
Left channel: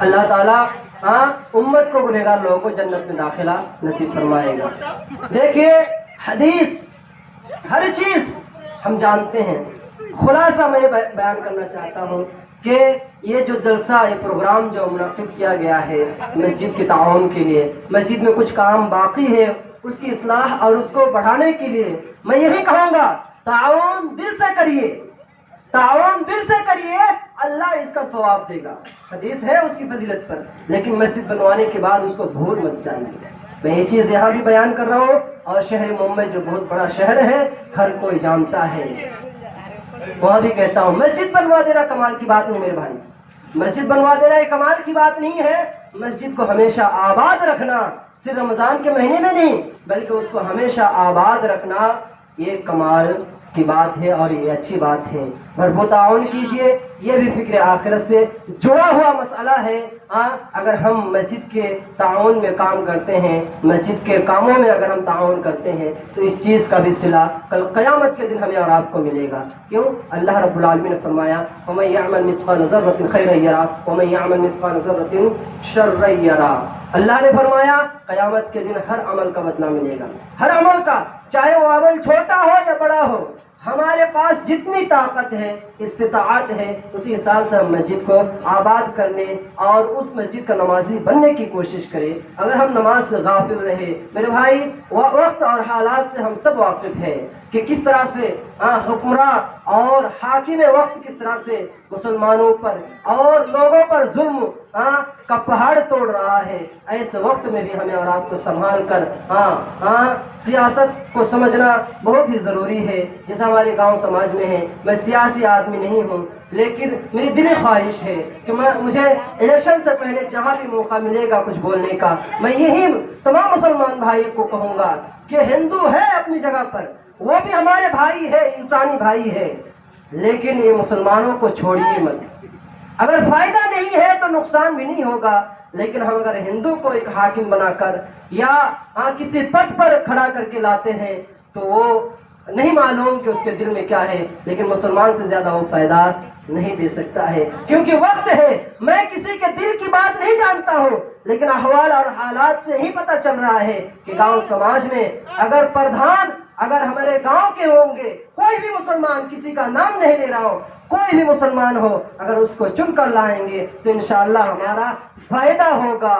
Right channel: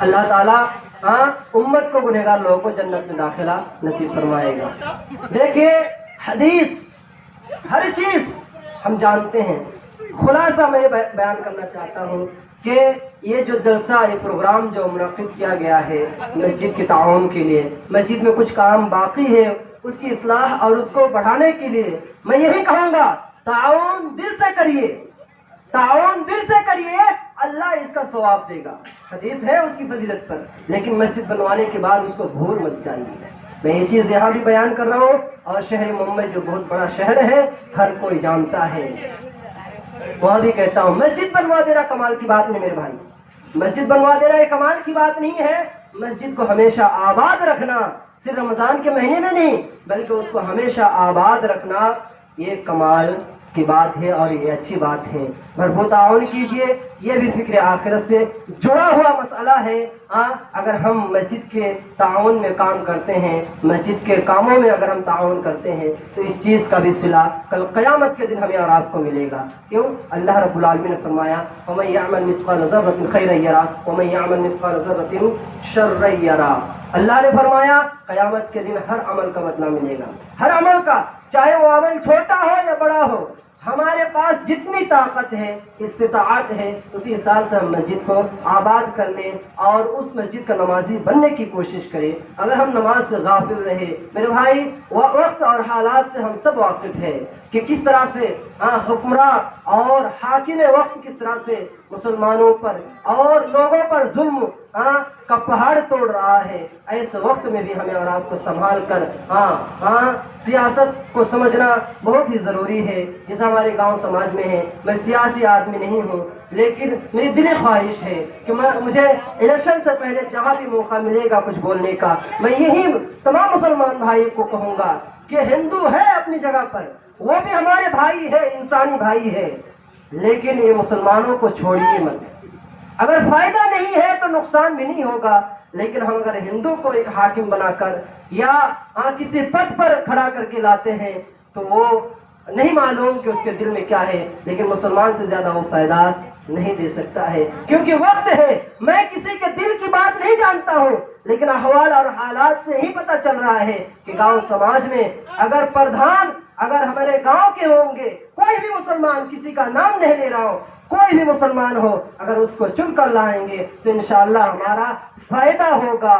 اللہ تعالیٰ امت کو، گنہگار لوگوں کو جنت میں داخلہ نصیب فرمائے گا۔ دیکھیے، حدیث ہر چیز ہم جانتے ہیں۔ خلاصہ میں بیان کرنا چاہتا ہوں کہ یہ جو جلسہ، یہ پروگرام جو منعقد کیا گیا ہے مسجد کے تعاون کے لیے، مسجد میں کچھ کام باقی ہے، اس کی اصلاح اور اس کو بڑھانے کے لیے میں یہی کہوں گا، تعاون دل سے کریے، تعاون دل سے کریے، اللہ اس کا ثواب دے گا۔ حدیث ہے اس کی فضیلت پر، لیکن مسجد بنوانے کے بعد اس کو بھول مت جائیے۔ میں یہ چیز یہاں بھی بیان کر رہا ہوں، اور شہر ممبئی جو بہت بڑا شہر ہے، ہر کوئی جانتا ہے، وہاں بھی کہتا ہوں، مسجد بنوا دینا کمال کی بات نہیں میرے بھائی، مسجد بنوا دینا یہ کمال کی بات نہیں ہے۔ مسجد کو ہمیشہ آباد رکھنا، صرف رمضان کے مہینے میں نہیں، بلکہ اس کو ہمیشہ آباد رکھنا، یہ کمال کی بات ہے اور یہ اچھی بات ہے۔ بھرپور تعاون کیجیے، یہ بھی فکر آخرت سے جڑا ہوا مسئلہ ہے۔ اگر ہم مسجد کے تعاون میں کام کرتے ہیں، مسجد کے کاموں میں اگر ہم تعاون کرتے ہیں، تو اس چیز کا بھی صلہ کل قیامت کے دن ہمیں اور آپ کو ملے گا۔ کیوں؟ اللہ رب العالمین نے فرمایا، وَمَن يَعْمَلْ مِثْقَالَ ذَرَّةٍ خَيْرًا يَرَهُ وَمَن يَعْمَلْ مِثْقَالَ ذَرَّةٍ شَرًّا يَرَهُ۔ اللہ نے فرمایا، قیامت کے دن ہر عمل کا بدلہ ملے گا، ہر عمل کا، چاہے وہ عمل چھوٹا ہو یا بڑا ہو۔ ہمارے پاس جتنی طاقت ہے، استطاعت ہے، اسی حساب سے ہم مسجد کو آباد کرنے اور اس مسجد کا نمازی بننے کی کوشش کریں۔ اگر ہم نماز سے غافل رہے، میرے بھائی، وقت اور حالات سے ہم سب واقف ہیں کہ کس طرح سے حکمراں اور حاکم وقت کس طرح سے مسلمانوں پر اور لوگوں پر ظلم کا پہاڑ توڑ رہا ہے. ایسے وقت میں بھی ہمیں اور آپ کو سنبھال کر سیاست کو سمجھنا بہت ہی ضروری ہے. جیسا ہمارے گاؤں سماج میں ہے, میں سیاسی آدمی نہیں ہوں, لیکن میری دلی خواہش ہے کہ مجھے الیکشن سے پہلے جہاں بھی موقع ملے گا کچھ بولنے کا, میں یہی تمام مسلمان بھائی کو کہوں گا کہ ہندو ہے اپنی جگہ پر, وہ بھی ہمارے بھائی ہے, انسانی بھائی ہے, لیکن یہ مسلمانوں کو چھوڑیے مت. اگر فائدہ نہیں ہے تو نقصان بھی نہیں ہوگا, لیکن ہم اگر ہندو کو ایک حاکم بنا کر یا کسی پد پر کھڑا کر کے لاتے ہیں تو وہ نہیں معلوم کہ اس کے دل میں کیا ہے, لیکن مسلمان سے زیادہ وہ فائدہ نہیں دے سکتا ہے. کیونکہ وقت ہے, میں کسی کے دل کی بات نہیں جانتا ہوں, لیکن احوال اور حالات سے ہی پتہ چل رہا ہے کہ گاؤں سماج میں اگر پردھان اگر ہمارے گاؤں کے ہوں گے, کوئی بھی مسلمان, کسی کا نام نہیں لے رہا ہو, کوئی بھی مسلمان ہو, اگر اس کو چن کر لائیں گے تو انشاءاللہ ہمارا فائدہ ہوگا,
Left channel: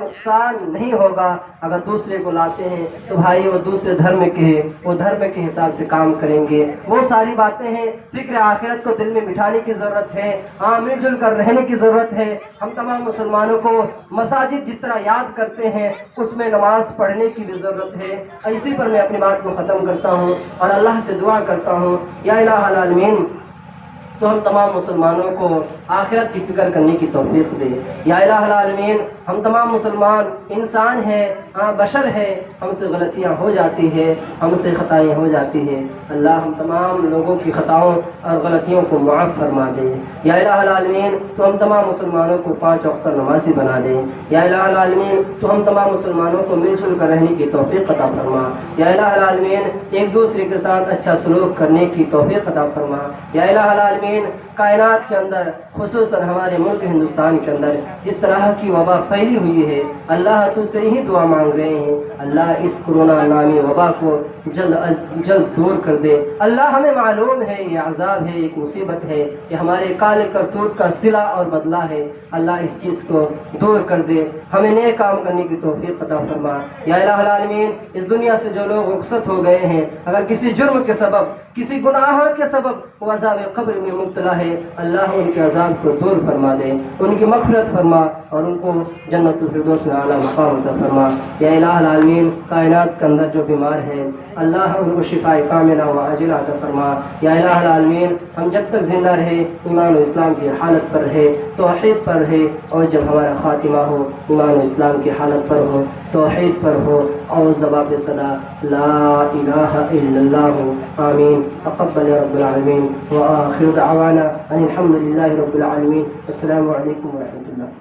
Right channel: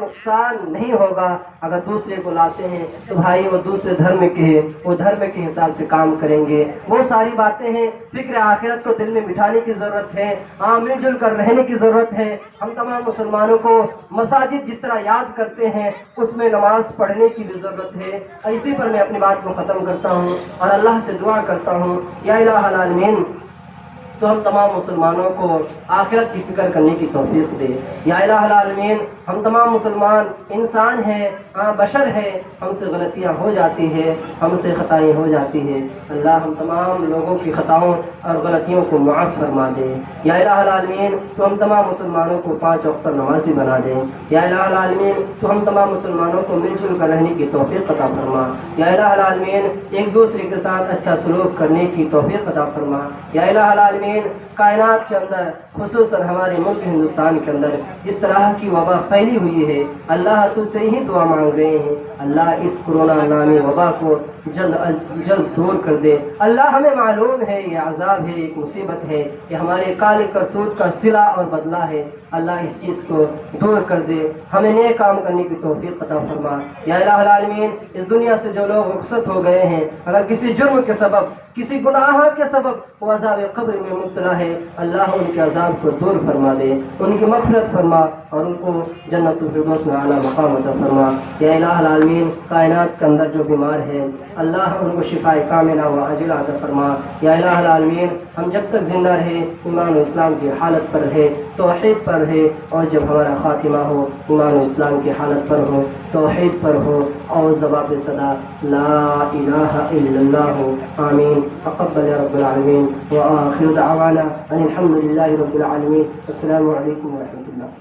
نقصان نہیں ہوگا. اگر دوسرے کو لاتے ہیں تو بھائی وہ دوسرے دھرم کے حساب سے کام کریں گے. وہ ساری باتیں ہیں, فکر آخرت کو دل میں بٹھانے کی ضرورت ہے, مل جل کر رہنے کی ضرورت ہے. ہم تمام مسلمانوں کو مساجد جس طرح یاد کرتے ہیں اس میں نماز پڑھنے کی بھی ضرورت ہے. اسی پر میں اپنی بات کو ختم کرتا ہوں اور اللہ سے دعا کرتا ہوں, یا الہ العالمین تو ہم تمام مسلمانوں کو آخرت کی فکر کرنے کی توفیق دے. یا الہ العالمین ہم تمام مسلمان انسان ہیں, بشر ہیں, ہم سے غلطیاں ہو جاتی ہیں, ہم سے خطائیں ہو جاتی ہیں. اللہ ہم تمام لوگوں کی خطاؤں اور غلطیوں کو معاف فرما دے. یا الہ العالمین تو ہم تمام مسلمانوں کو 5 وقت نمازی بنا دیں. یا الہ العالمین تو ہم تمام مسلمانوں کو مل جل کر رہنے کی توفیق عطا فرما. یا الہ العالمین ایک دوسرے کے ساتھ اچھا سلوک کرنے کی توفیق عطا فرما. یا الہ العالمین کائنات کے اندر خصوصاً ہمارے ملک ہندوستان کے اندر جس طرح کی وبا پھیلی ہوئی ہے, اللہ تو سے ہی دعا مانگ رہے ہیں, اللہ اس کورونا نامی وبا کو جلد دور کر دے. اللہ ہمیں معلوم ہے یہ عذاب ہے, ایک مصیبت ہے, یہ ہمارے کالے کرتوت کا صلہ اور بدلہ ہے. اللہ اس چیز کو دور کر دے, ہمیں نئے کام کرنے کی توفیق عطا فرما. یا الہ العالمین اس دنیا سے جو لوگ رخصت ہو گئے ہیں, اگر کسی جرم کے سبب, کسی گناہ کے سبب وہ عذاب قبر میں مبتلا ہے, اللہ ان کے عذاب کو دور فرما دے, ان کی مغفرت فرما اور ان کو جنت الفردوس میں اعلیٰ مقام عطا فرما. یا الہ العالمین کائنات کے اندر جو بیمار ہے اللہ ان کو شفاء کاملہ و عاجلہ عطا فرما. یا الہ العالمین ہم جب تک زندہ رہے ایمان و اسلام کی حالت پر رہے, توحید پر رہے, اور جب ہمارا خاتمہ ہو ایمان و اسلام کی حالت پر ہو, توحید پر ہو, اور ضوابط صدا لا الہ الا اللہ ہو. آمین. تقبل یا رب العالمین وآخر دعوانا ان الحمد للہ رب العالمین. السلام علیکم ورحمۃ اللہ.